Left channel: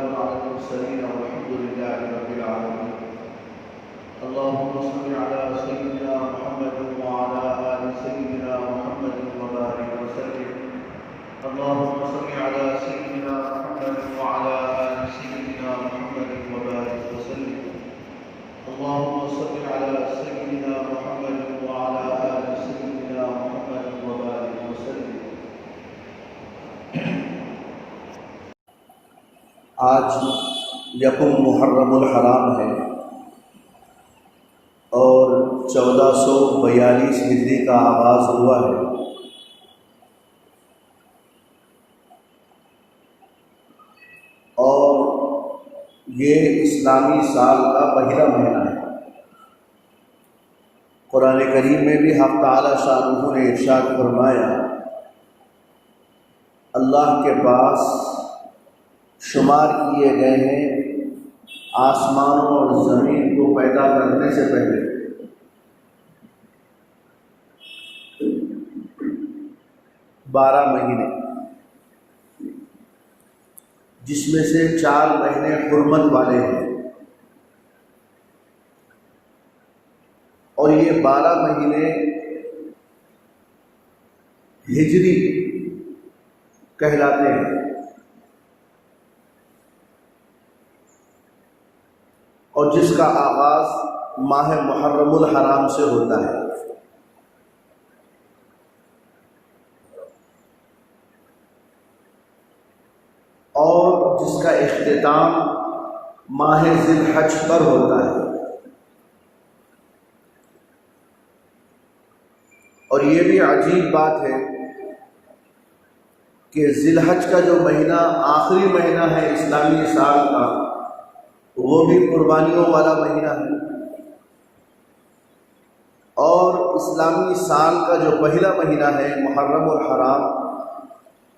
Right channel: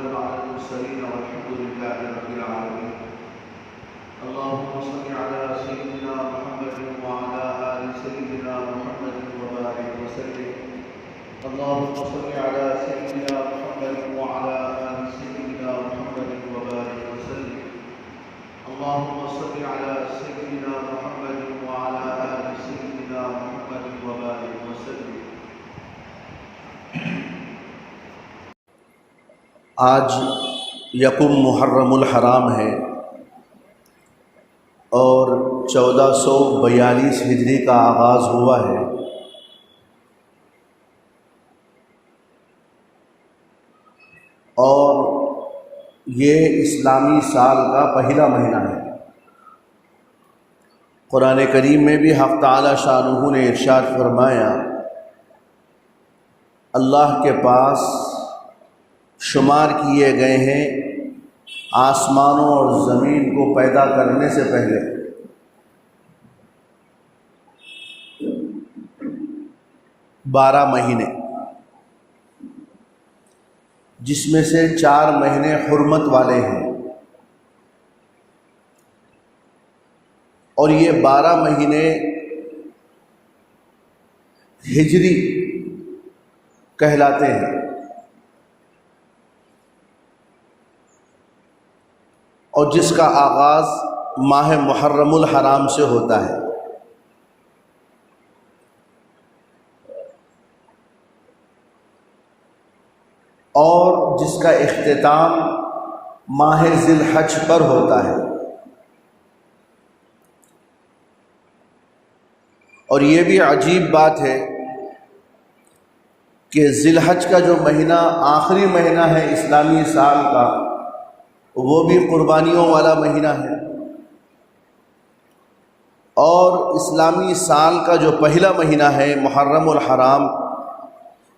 وسلام على المرسلين والحمد لله رب العالمين. اللهم صل على سيدنا محمد وعلى آل سيدنا محمد وبارك وسلم. اللهم صل على سيدنا محمد وعلى آل سيدنا محمد وبارك وسلم. اللهم صل على سيدنا محمد وعلى آل سيدنا محمد وبارك وسلم. آج یکم محرم الحرام ہے اور 1442 ہجری کا آغاز ہوا ہے. اور یہ اسلامی سال کا پہلا مہینہ ہے. قرآن کریم میں بھی حق تعالی شانہ نے ارشاد فرمایا، اللہ کے پاس شمار کیے گئے ہیں آسمانوں اور زمین کو پیدا کرنے سے پہلے 12 مہینے، جس میں سے 4 مہینے حرمت والے ہیں، اور یہ 12 مہینے ہجری کہلاتے ہیں. اور جس کا آغاز ماہ محرم الحرام سے ہوتا ہے. اور جس کا اختتام ماہ ذی الحج پر ہوتا ہے. اور یہ بھی عجیب بات ہے کہ ذی الحج کا جو مہینہ آخری مہینہ ہے اسلامی سال کا، وہ بھی قربانیوں والا مہینہ ہے. اور اسلامی سال کا جو پہلا مہینہ ہے محرم الحرام،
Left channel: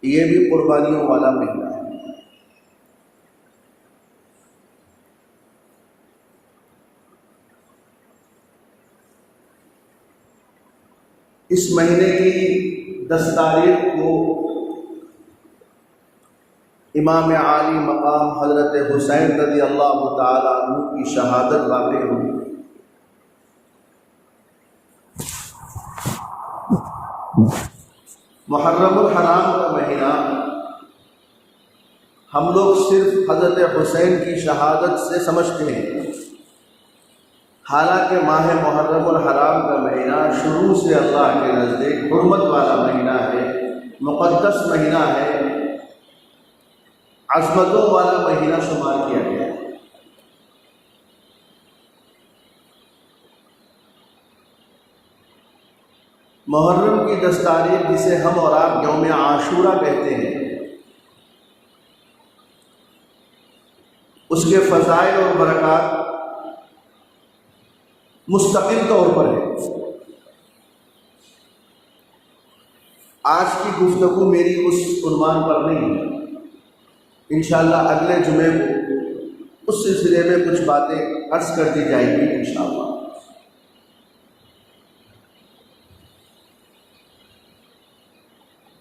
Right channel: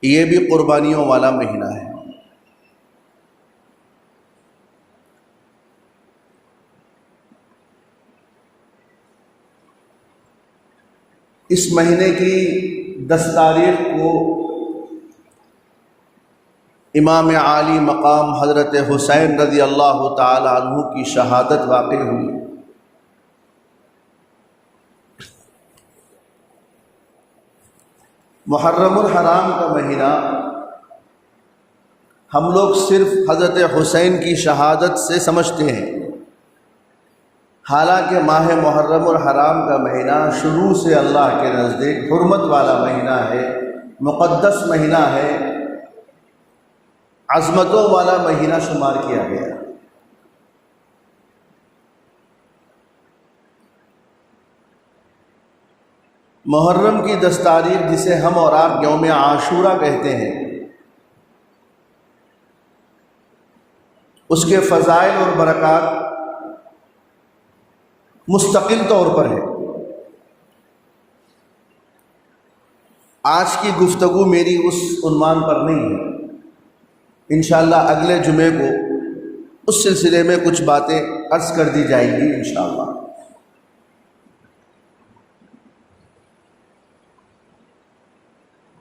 یہ بھی قربانیوں والا مہینہ ہے. اس مہینے کی 10 تاریخ کو امام عالی مقام حضرت حسین رضی اللہ تعالی عنہ کی شہادت واقع ہوئی. محرم الحرام کا مہینہ ہم لوگ صرف حضرت حسین کی شہادت سے سمجھتے ہیں، حالانکہ ماہ محرم الحرام کا مہینہ شروع سے اللہ کے نزدیک حرمت والا مہینہ ہے، مقدس مہینہ ہے، عظمتوں والا مہینہ شمار کیا گیا. محرم کی 10 تاریخ، جسے ہم اور آپ یوم عاشورہ کہتے ہیں، اس کے فضائل اور برکات مستقل طور پر ہے. آج کی گفتگو میری اس عنوان پر نہیں ہے. انشاءاللہ اگلے جمعے کو اس سلسلے میں کچھ باتیں عرض کر دی جائیں گی انشاءاللہ.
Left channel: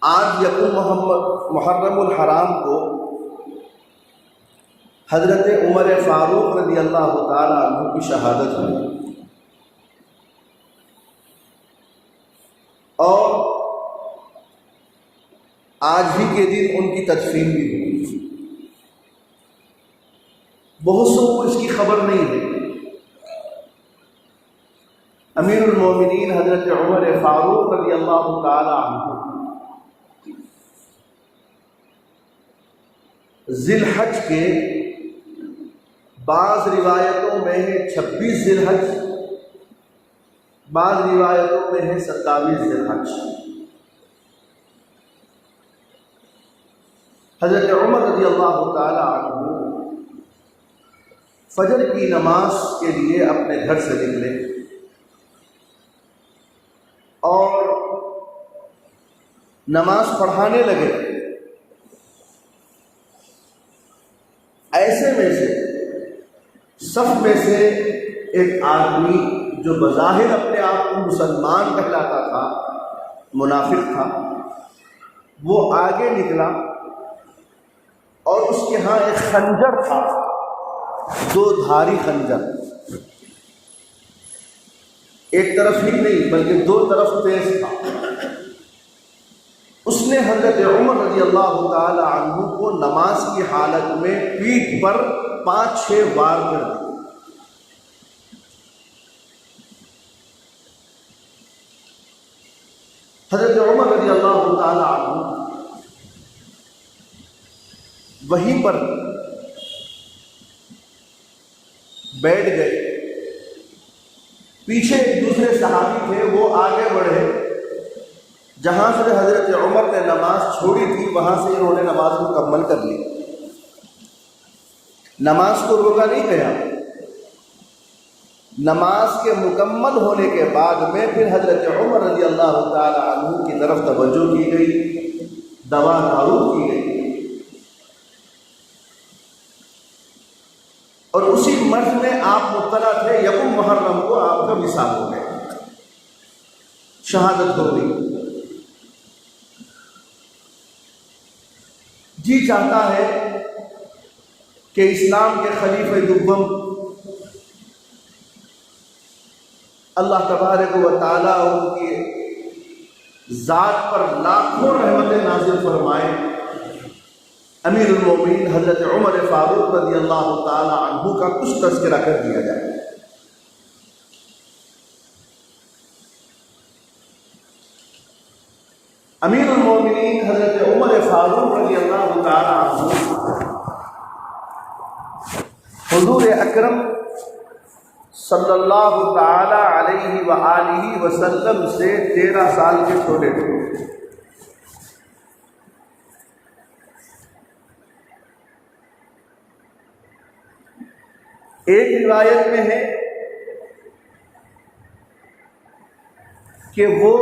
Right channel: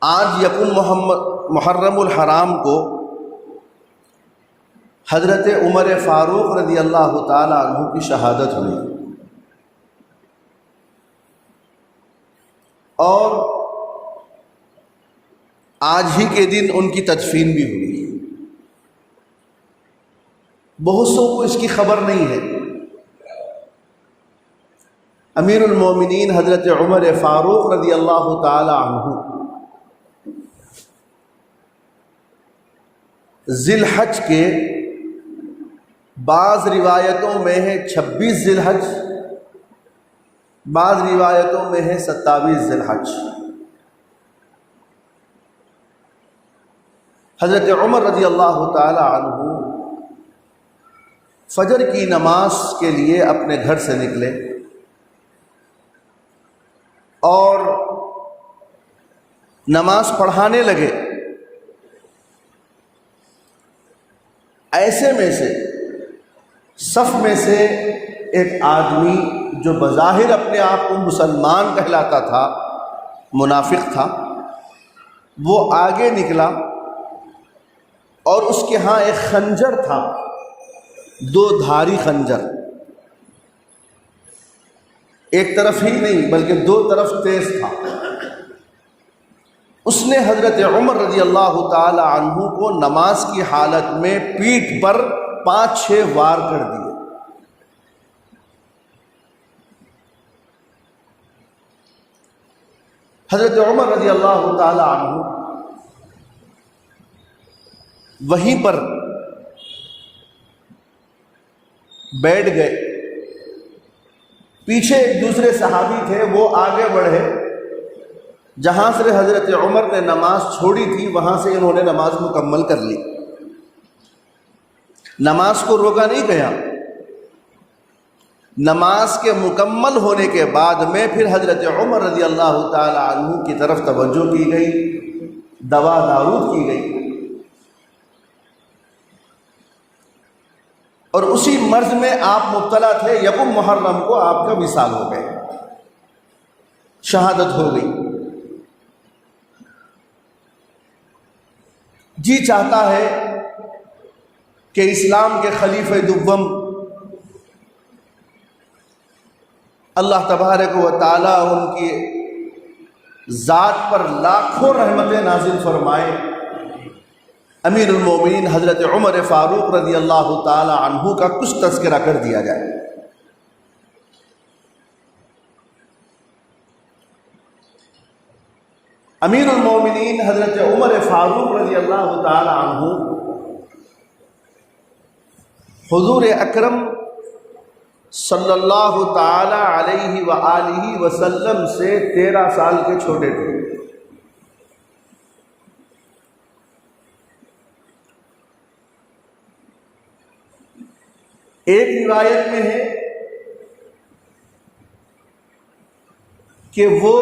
آج یکم محرم الحرام کو حضرت عمر فاروق رضی اللہ تعالی عنہ کی شہادت ہوئی، اور آج ہی کے دن ان کی تدفین بھی ہوئی. بہت سو کو اس کی خبر نہیں ہے. امیر المومنین حضرت عمر فاروق رضی اللہ تعالی عنہ ذی الحج کے بعض روایتوں میں ہے 26 ذی الحج، بعض روایتوں میں ہے 27 ذی الحج. حضرت عمر رضی اللہ تعالی عنہ فجر کی نماز کے لیے اپنے گھر سے نکلے اور نماز پڑھانے لگے. ایسے میں سے صف میں سے ایک آدمی جو بظاہر اپنے آپ کو مسلمان کہلاتا تھا، منافق تھا، وہ آگے نکلا اور اس کے ہاں ایک خنجر تھا، 2 دھاری خنجر، ایک طرف ہی نہیں بلکہ 2 طرف تیز تھا۔ اس نے حضرت عمر رضی اللہ تعالی عنہ کو نماز کی حالت میں پیٹھ پر 5-6 وار کر دیے۔ حضرت عمر رضی اللہ تعالی عنہ وہیں پر بیٹھ گئے۔ پیچھے ایک دوسرے صحابی تھے، وہ آگے بڑھے، جہاں سے حضرت عمر نے نماز چھوڑی تھی وہاں سے انہوں نے نماز مکمل کر لی، نماز کو روکا نہیں گیا۔ نماز کے مکمل ہونے کے بعد میں پھر حضرت عمر رضی اللہ تعالی عنہ کی طرف توجہ کی گئی، دوا دارود کی گئی، اور اسی مرض میں آپ مبتلا تھے۔ 1 محرم کو آپ کا وصال ہو گیا، شہادت ہو گئی۔ جی چاہتا ہے کہ اسلام کے خلیفہ دوم اللہ تبارک و تعالیٰ ان کی ذات پر لاکھوں رحمتیں نازل فرمائے، امیر المومنین حضرت عمر فاروق رضی اللہ تعالی عنہ کا کچھ تذکرہ کر دیا جائے۔ امیر المومنین حضرت عمر فاروق رضی اللہ تعالی عنہ حضور اکرم صلی اللہ تعالی علیہ وآلہ وسلم سے 13 سال کے چھوٹے تھے۔ ایک روایت میں ہے کہ وہ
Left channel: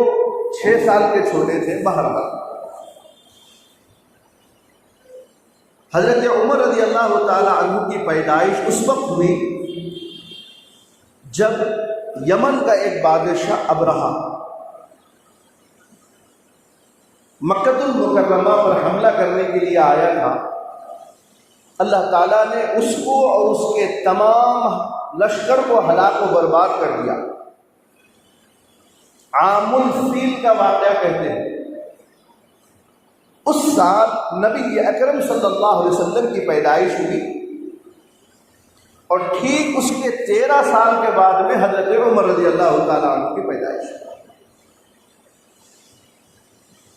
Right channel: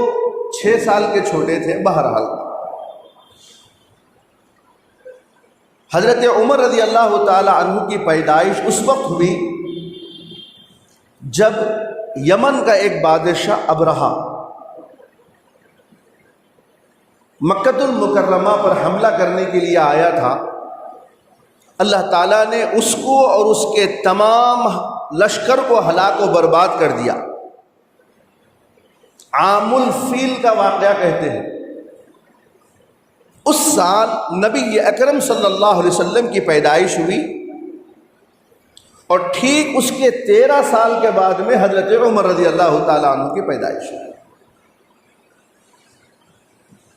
6 سال کے چھوٹے تھے۔ بہرحال حضرت عمر رضی اللہ تعالی عنہ کی پیدائش اس وقت ہوئی جب یمن کا ایک بادشاہ ابرہہ مکہ المکرمہ پر حملہ کرنے کے لیے آیا تھا۔ اللہ تعالیٰ نے اس کو اور اس کے تمام لشکر کو ہلاک و برباد کر دیا۔ عام الفیل کا واقعہ کہتے ہیں۔ اس سال نبی اکرم صلی اللہ علیہ وسلم کی پیدائش ہوئی، اور ٹھیک اس کے 13 سال کے بعد میں حضرت عمر رضی اللہ تعالیٰ عنہ کی پیدائش ہوئی۔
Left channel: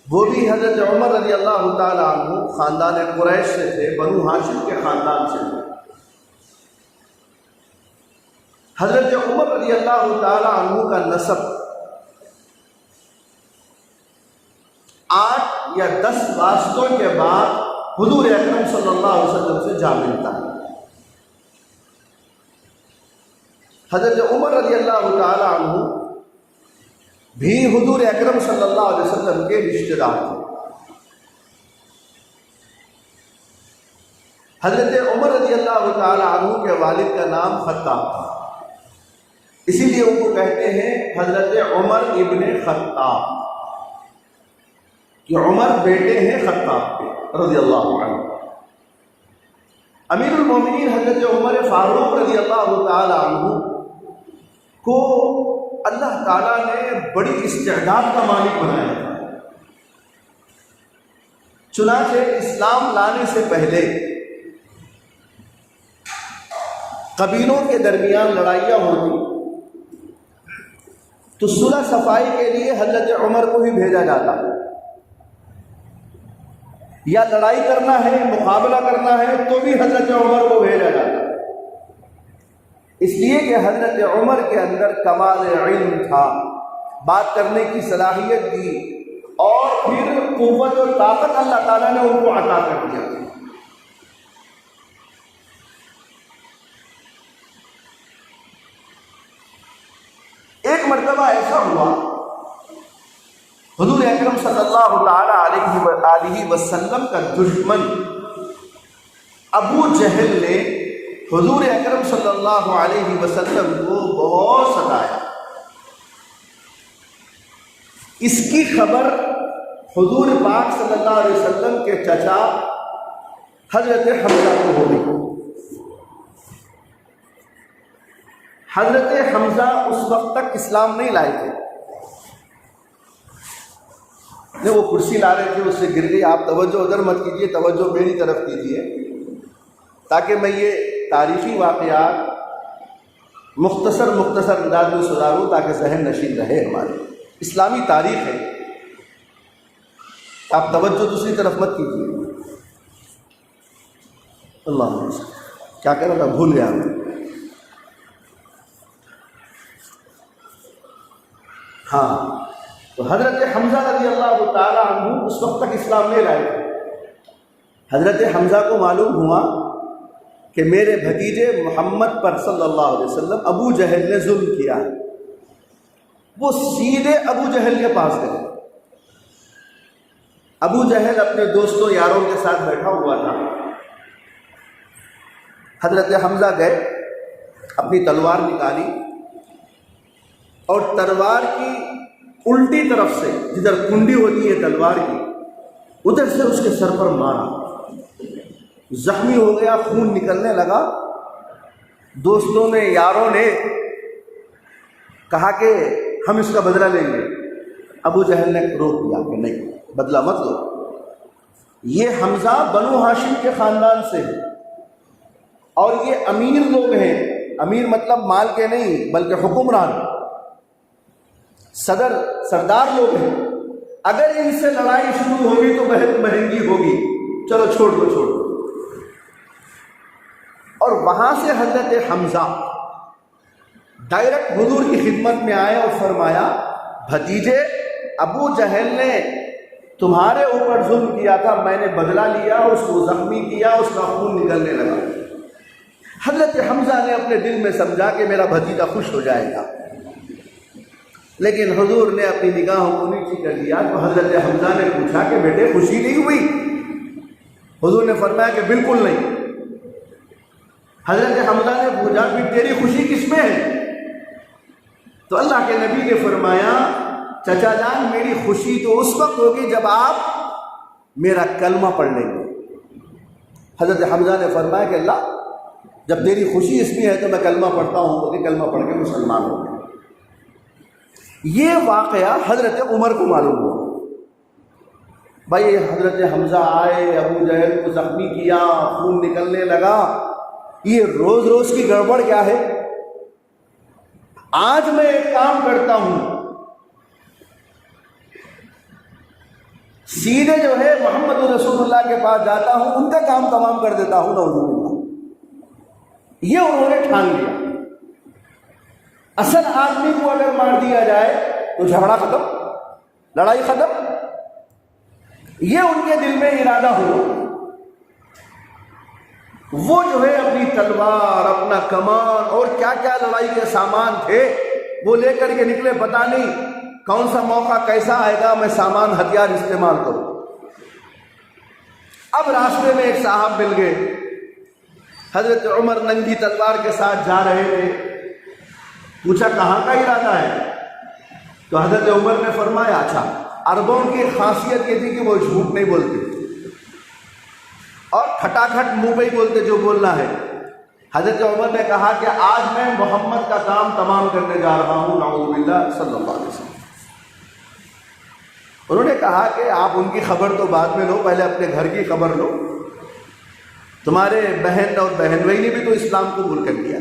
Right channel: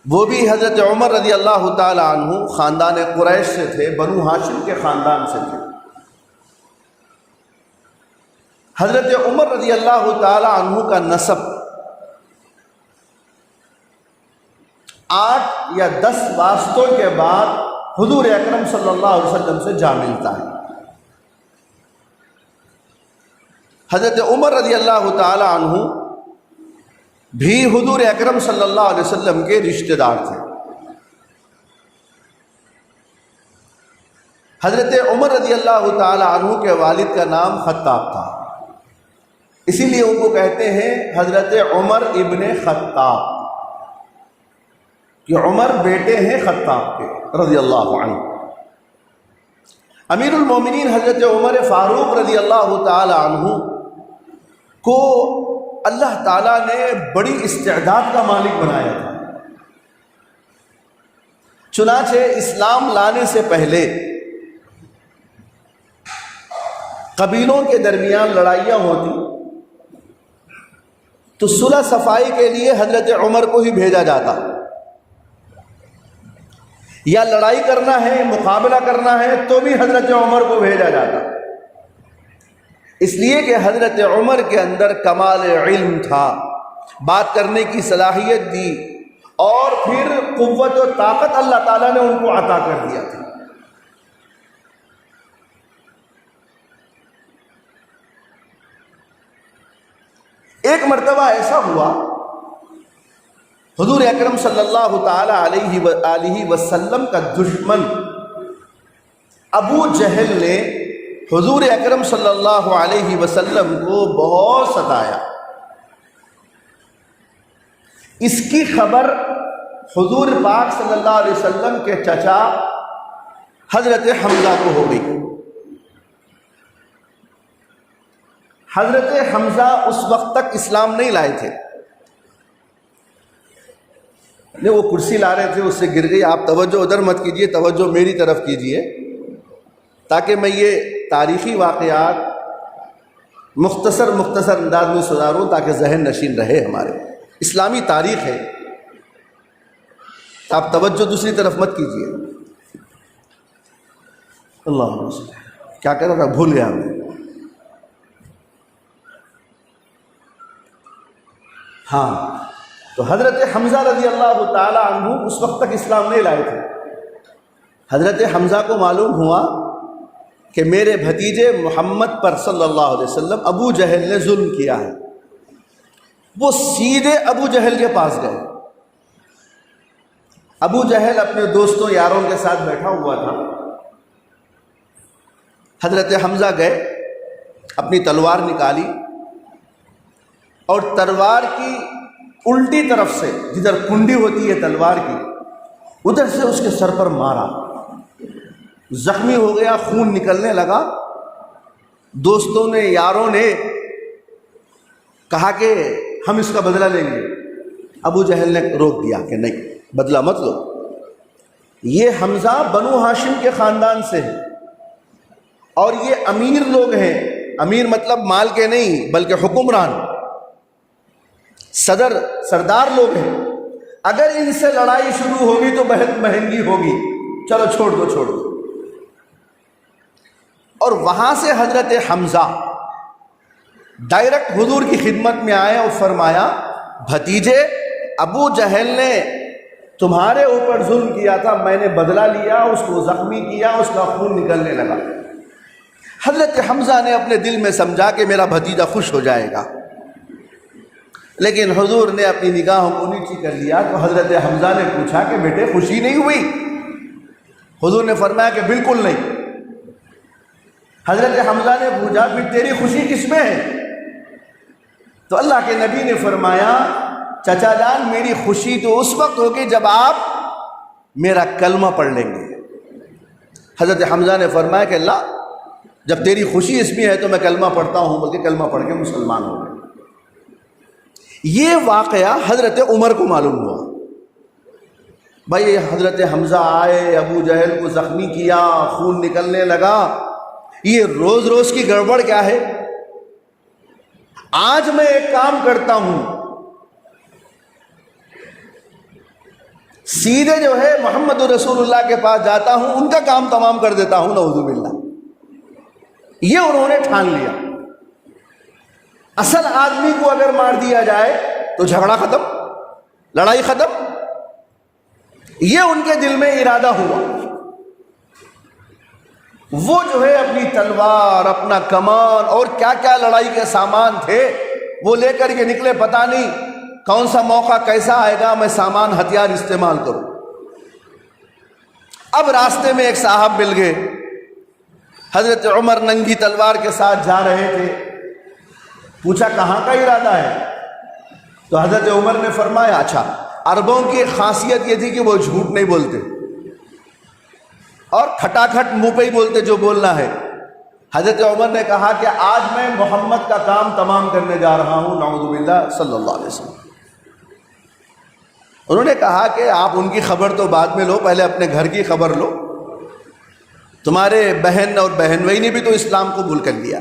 وہ بھی حضرت عمر رضی اللہ تعالیٰ عنہ خاندان قریش سے تھے، بنو ہاشم کے خاندان سے تھے۔ حضرت عمر رضی اللہ تعالیٰ عنہ کا نسب 8 یا 10 واسطوں کے بعد حضور اکرم صلی اللہ علیہ وسلم سے جا ملتا ہے۔ حضرت عمر رضی اللہ تعالی عنہ بھی حضور اکرم صلی اللہ علیہ وسلم کے رشتہ دار تھے۔ حضرت عمر رضی اللہ تعالی عنہ کے والد کا نام خطاب تھا، اسی لیے ان کو کہتے ہیں حضرت عمر ابن خطاب، کہ عمر بیٹے ہیں خطاب کے رضی اللہ عنہ۔ امیر المومنین حضرت عمر فاروق رضی اللہ تعالی عنہ کو اللہ تعالیٰ نے بڑی استعداد کا مالک بنایا تھا۔ چنانچہ اسلام لانے سے پہلے قبیلوں کے درمیان لڑائیاں ہوتی تو صلح صفائی کے لیے حضرت عمر کو ہی بھیجا جاتا، یا لڑائی کرنا ہے، مقابلہ کرنا ہے تو بھی حضرت عمر کو بھیجا جاتا، اس لیے کہ حضرت عمر کے اندر کمال علم تھا، بات کرنے کی صلاحیت دی، اور پھر قوت و طاقت اللہ تعالیٰ نے ان کو عطا کر دیا تھا۔ ایک مرتبہ ایسا ہوا، حضور اکرم صلی اللہ تعالی علیہ وآلہ وسلم کا دشمن ابو جہل نے حضور اکرم صلی اللہ علیہ وسلم کو بہت ستایا۔ اس کی خبر حضور پاک صلی اللہ علیہ وسلم کے چچا حضرت حمزہ کو ہو گئی۔ حضرت حمزہ اس وقت تک اسلام نہیں لائے تھے، نہیں وہ کرسی لا رہے تھے، اس سے گر گئی۔ آپ توجہ ادھر مت کیجئے، توجہ میری طرف کیجئے، تاکہ میں یہ تاریخی واقعات مختصر انداز میں سناروں تاکہ ذہن نشین رہے۔ ہمارے اسلامی تاریخ ہے، آپ توجہ دوسری طرف مت کیجئے۔ اللہ کیا کر رہا تھا، بھول گیا۔ ہاں، تو حضرت حمزہ رضی اللہ تعالی عنہ اس وقت تک اسلام نہیں لائے تھے۔ حضرت حمزہ کو معلوم ہوا کہ میرے بھتیجے محمد پر صلی اللہ علیہ وسلم ابو جہل نے ظلم کیا ہے۔ وہ سیدھے ابو جہل کے پاس گئے۔ ابو جہل اپنے دوستوں یاروں کے ساتھ بیٹھا ہوا تھا۔ حضرت حمزہ گئے، اپنی تلوار نکالی اور تلوار کی الٹی طرف سے، جدھر کنڈی ہوتی ہے تلوار کی، ادھر سے اس کے سر پر مارا۔ زخمی ہو گیا، خون نکلنے لگا۔ دوستوں نے، یاروں نے کہا کہ ہم اس کا بدلہ لیں گے۔ ابو جہل نے روک دیا کہ نہیں، بدلہ مت لو، یہ حمزہ بنو ہاشم کے خاندان سے ہے اور یہ امیر لوگ ہیں۔ امیر مطلب مال کے نہیں بلکہ حکمران، سردار لوگ ہیں۔ اگر ان سے لڑائی شروع ہوگی تو بہت مہنگی ہوگی، چلو چھوڑ دو۔ اور وہاں سے حضرت حمزہ ڈائریکٹ حضور کی خدمت میں آئے اور فرمایا، بھتیجے ابو جہل نے تمہارے اوپر ظلم کیا تھا، میں نے بدلہ لیا، اس کو زخمی کیا، اس کا خون نکلنے لگا۔ حضرت حمزہ نے اپنے دل میں سمجھا کہ میرا بھتیجا خوش ہو جائے گا، لیکن حضور نے اپنی نگاہوں کو نیچی کر لیا۔ تو حضرت حمزہ نے پوچھا کہ بیٹے خوشی نہیں ہوئی؟ حضور نے فرمایا کہ بالکل نہیں۔ حضرت حمزہ نے پوچھا پھر تیری خوشی کس میں ہے؟ تو اللہ کے نبی نے فرمایا، چچا جان میری خوشی تو اس وقت ہوگی جب آپ میرا کلمہ پڑھ لیں گے۔ حضرت حمزہ نے فرمایا کہ اللہ، جب تیری خوشی اس میں ہے تو میں کلمہ پڑھتا ہوں، بلکہ کلمہ پڑھ کے مسلمان ہو گیا۔ یہ واقعہ حضرت عمر کو معلوم ہوا۔ بھائی حضرت حمزہ آئے، ابو جہل کو زخمی کیا، خون نکلنے لگا، یہ روز روز کی گڑبڑ کیا ہے؟ آج میں ایک کام کرتا ہوں، سیدھے جو ہے محمد رسول اللہ کے پاس جاتا ہوں، ان کا کام تمام کر دیتا ہوں، نعوذ باللہ۔ یہ انہوں نے ٹھان لیا۔ اصل آدمی کو اگر مار دیا جائے تو جھگڑا ختم، لڑائی ختم۔ یہ ان کے دل میں ارادہ ہوا۔ وہ جو ہے اپنی تلوار، اپنا کمان اور کیا کیا لڑائی کے سامان تھے وہ لے کر کے نکلے۔ پتہ نہیں کون سا موقع کیسا آئے گا، میں سامان ہتھیار استعمال کروں۔ اب راستے میں ایک صاحب مل گئے، حضرت عمر ننگی تلوار کے ساتھ جا رہے تھے۔ پوچھا کہاں کا ارادہ ہے؟ تو حضرت عمر نے فرمایا، اچھا عربوں کی خاصیت یہ تھی کہ وہ جھوٹ نہیں بولتے اور کھٹا کھٹ منہ پہ ہی بولتے جو بولنا ہے۔ حضرت عمر نے کہا کہ آج میں محمد کا کام تمام کرنے جا رہا ہوں، نعوذ باللہ، صلی اللہ علیہ وسلم۔ انہوں نے کہا کہ آپ ان کی خبر تو بعد میں لو، پہلے اپنے گھر کی خبر لو۔ تمہارے بہن اور بہن بھائی نے بھی تو اسلام قبول کر لیا۔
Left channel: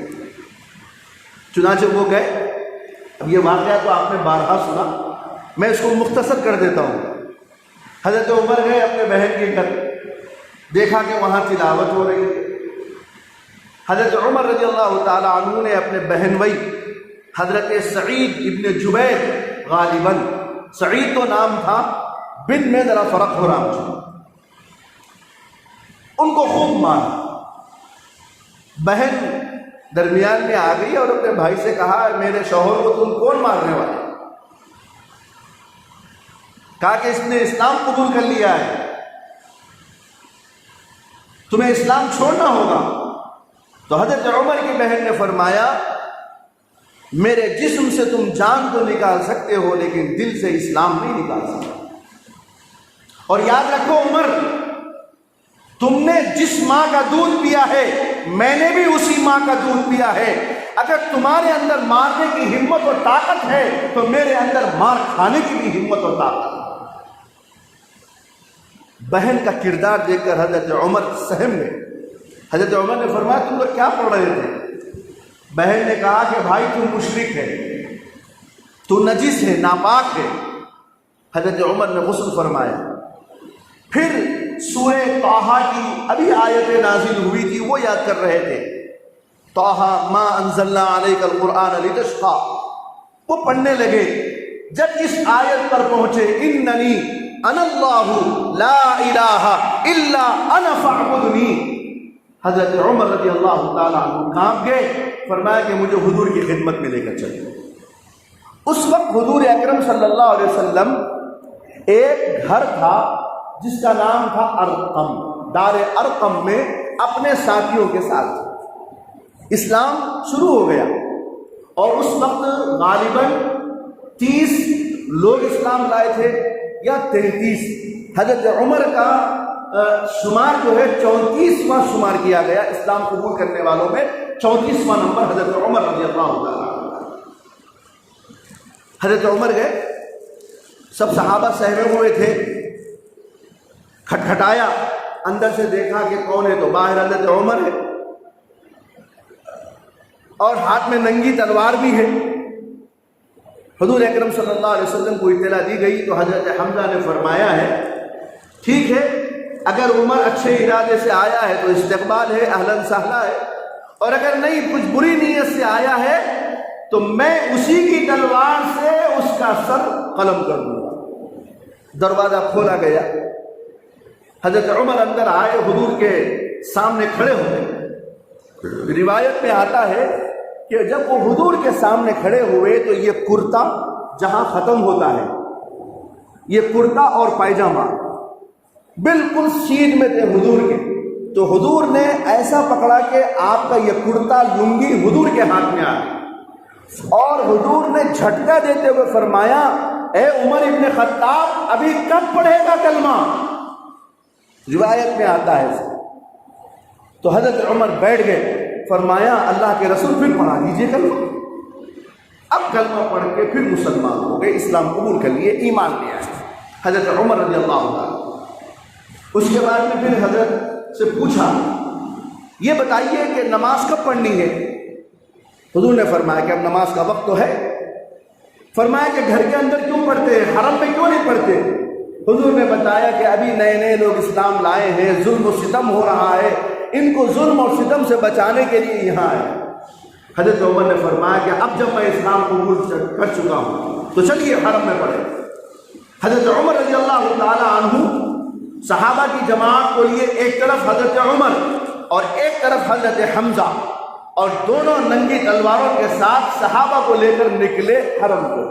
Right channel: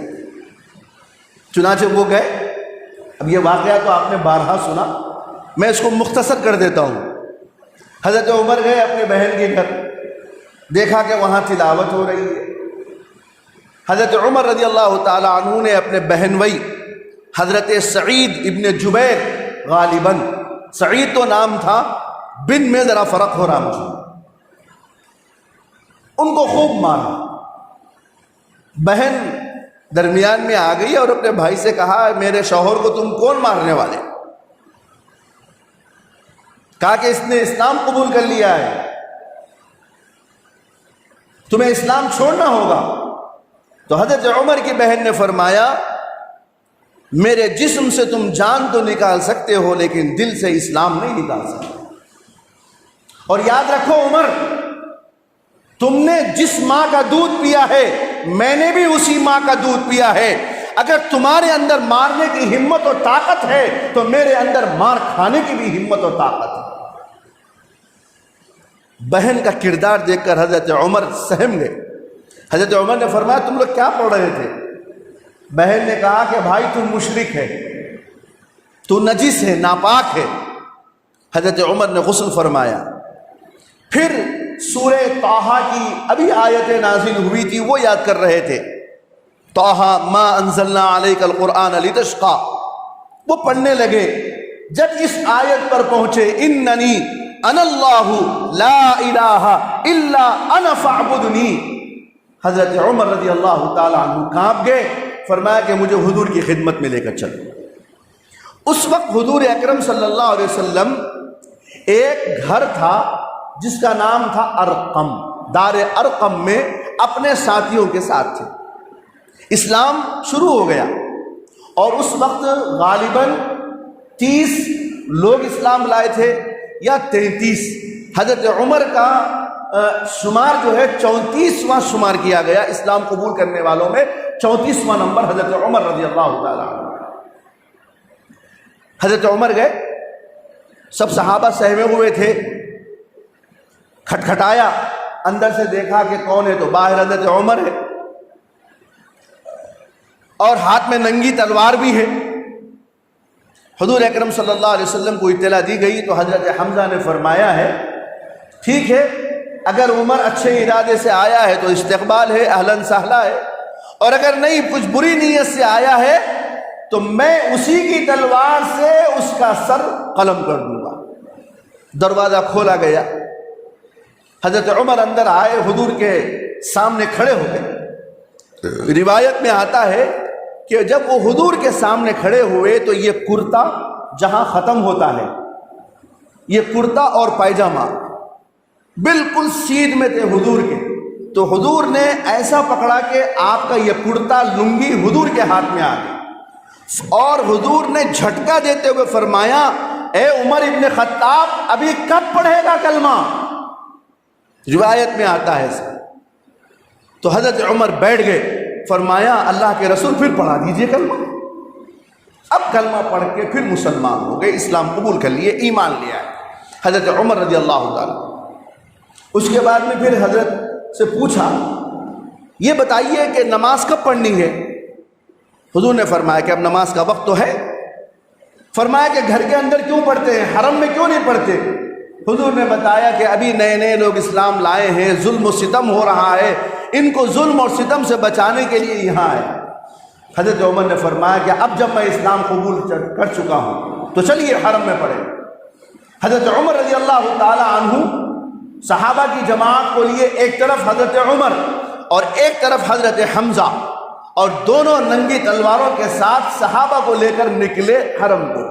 چنانچہ وہ گئے۔ اب یہ واقعہ تو آپ نے بارہا سنا، میں اس کو مختصر کر دیتا ہوں۔ حضرت عمر گئے اپنے بہن کے گھر، دیکھا کہ وہاں تلاوت ہو رہی ہے۔ حضرت عمر رضی اللہ تعالی عنہ نے اپنے بہن بھائی حضرت سعید ابن جبیر، غالباً سعید تو نام تھا، بن میں ذرا فرق ہو رہا مجھے، ان کو خوب مارا۔ بہن درمیان میں آ گئی اور اپنے بھائی سے کہا، میرے شوہر کو تم کون مارنے والے؟ کہا کہ اس نے اسلام قبول کر لیا ہے، تمہیں اسلام چھوڑنا ہوگا۔ تو حضرت عمر کی بہن نے فرمایا، میرے جسم سے تم جان تو نکال سکتے ہو لیکن دل سے اسلام نہیں نکال سکتے۔ اور یاد رکھو عمر، تم نے جس ماں کا دودھ پیا ہے میں نے بھی اسی ماں کا دودھ پیا ہے، اگر تمہارے اندر مارنے کی ہمت اور طاقت ہے تو میرے اندر مار کھانے کی بھی ہمت اور طاقت ہے۔ بہن کا کردار دیکھ کر حضرت عمر سہم گئے۔ حضرت عمر نے فرمایا تم لوگ کیا پڑھ رہے تھے؟ بہن نے کہا کہ بھائی تو مشرک ہے، تو نجس ہے، ناپاک ہے۔ حضرت عمر نے غسل فرمایا، پھر سورہ طٰہٰ کی ابھی آیتیں نازل ہوئی تھی وہ یاد کر رہے تھے، طٰہٰ ما انزلنا علیک القرآن لتشقیٰ، وہ پڑھنے لگے۔ جب اس آیت پر پہنچے اننی انا اللہ لا الہ الا انا فاعبدنی، حضرت عمر رضی اللہ تعالیٰ عنہ کانپ گئے، فرمایا کہ مجھے حضور کی خدمت میں لے کر چلو۔ اس وقت حضور اکرم صلی اللہ علیہ وسلم ایک گھر تھا جس کا نام تھا ارقم، دار ارقم میں اپنے ساتھیوں کے ساتھ تھے۔ اسلام شروع ہو گیا اور اس وقت غالباً 30 لوگ اسلام لائے تھے یا 33۔ حضرت عمر کا شمار جو ہے 34واں شمار کیا گیا، اسلام قبول کرنے والوں میں 34واں نمبر حضرت عمر رضی اللہ تعالیٰ عنہ۔ حضرت عمر گئے، سب صحابہ سہمے ہوئے تھے، کھٹکھٹایا، اندر سے دیکھا کہ کون ہے، تو باہر حضرت عمر ہے اور ہاتھ میں ننگی تلوار بھی ہے۔ حضور اکرم صلی اللہ علیہ وسلم کو اطلاع دی گئی تو حضرت حمزہ نے فرمایا ہے ٹھیک ہے، اگر عمر اچھے ارادے سے آیا ہے تو استقبال ہے، اہلاً سہلا ہے، اور اگر نہیں کچھ بری نیت سے آیا ہے تو میں اسی کی تلوار سے اس کا سر قلم کر دوں گا۔ دروازہ کھولا گیا، حضرت عمر اندر آئے، حضور کے سامنے کھڑے ہو گئے۔ روایت میں آتا ہے کہ جب وہ حضور کے سامنے کھڑے ہوئے تو یہ کرتا جہاں ختم ہوتا ہے، یہ کرتا اور پائجامہ بالکل سیدھ میں تھے حضور کے، تو حضور نے ایسا پکڑا کہ آپ کا یہ کرتا لنگی حضور کے ہاتھ میں آ گئی، اور حضور نے جھٹکا دیتے ہوئے فرمایا اے عمر ابن خطاب ابھی کب پڑھے گا کلمہ؟ روایت میں آتا ہے ایسا۔ تو حضرت عمر بیٹھ گئے، فرمایا اللہ کے رسول پھر پڑھا دیجئے کلمہ۔ اب کلمہ پڑھ کے پھر مسلمان ہو گئے، اسلام قبول کر لیے، ایمان لے آئے حضرت عمر رضی اللہ عنہ۔ اس کے بعد میں پھر حضرت سے پوچھا یہ بتائیے کہ نماز کب پڑھنی ہے؟ حضور نے فرمایا کہ اب نماز کا وقت تو ہے۔ فرمایا کہ گھر کے اندر کیوں پڑھتے ہیں، حرم میں کیوں نہیں پڑھتے؟ حضور نے بتایا کہ ابھی نئے نئے لوگ اسلام لائے ہیں، ظلم و ستم ہو رہا ہے، ان کو ظلم اور ستم سے بچانے کے لیے یہاں ہے۔ حضرت عمر نے فرمایا کہ اب جب میں اسلام قبول کر چکا ہوں تو چلیے حرم میں پڑھیں۔ حضرت عمر رضی اللہ تعالی عنہ صحابہ کی جماعت کو لیے ایک طرف حضرت عمر اور ایک طرف حضرت حمزہ، اور دونوں ننگی تلواروں کے ساتھ صحابہ کو لے کر نکلے حرم کو،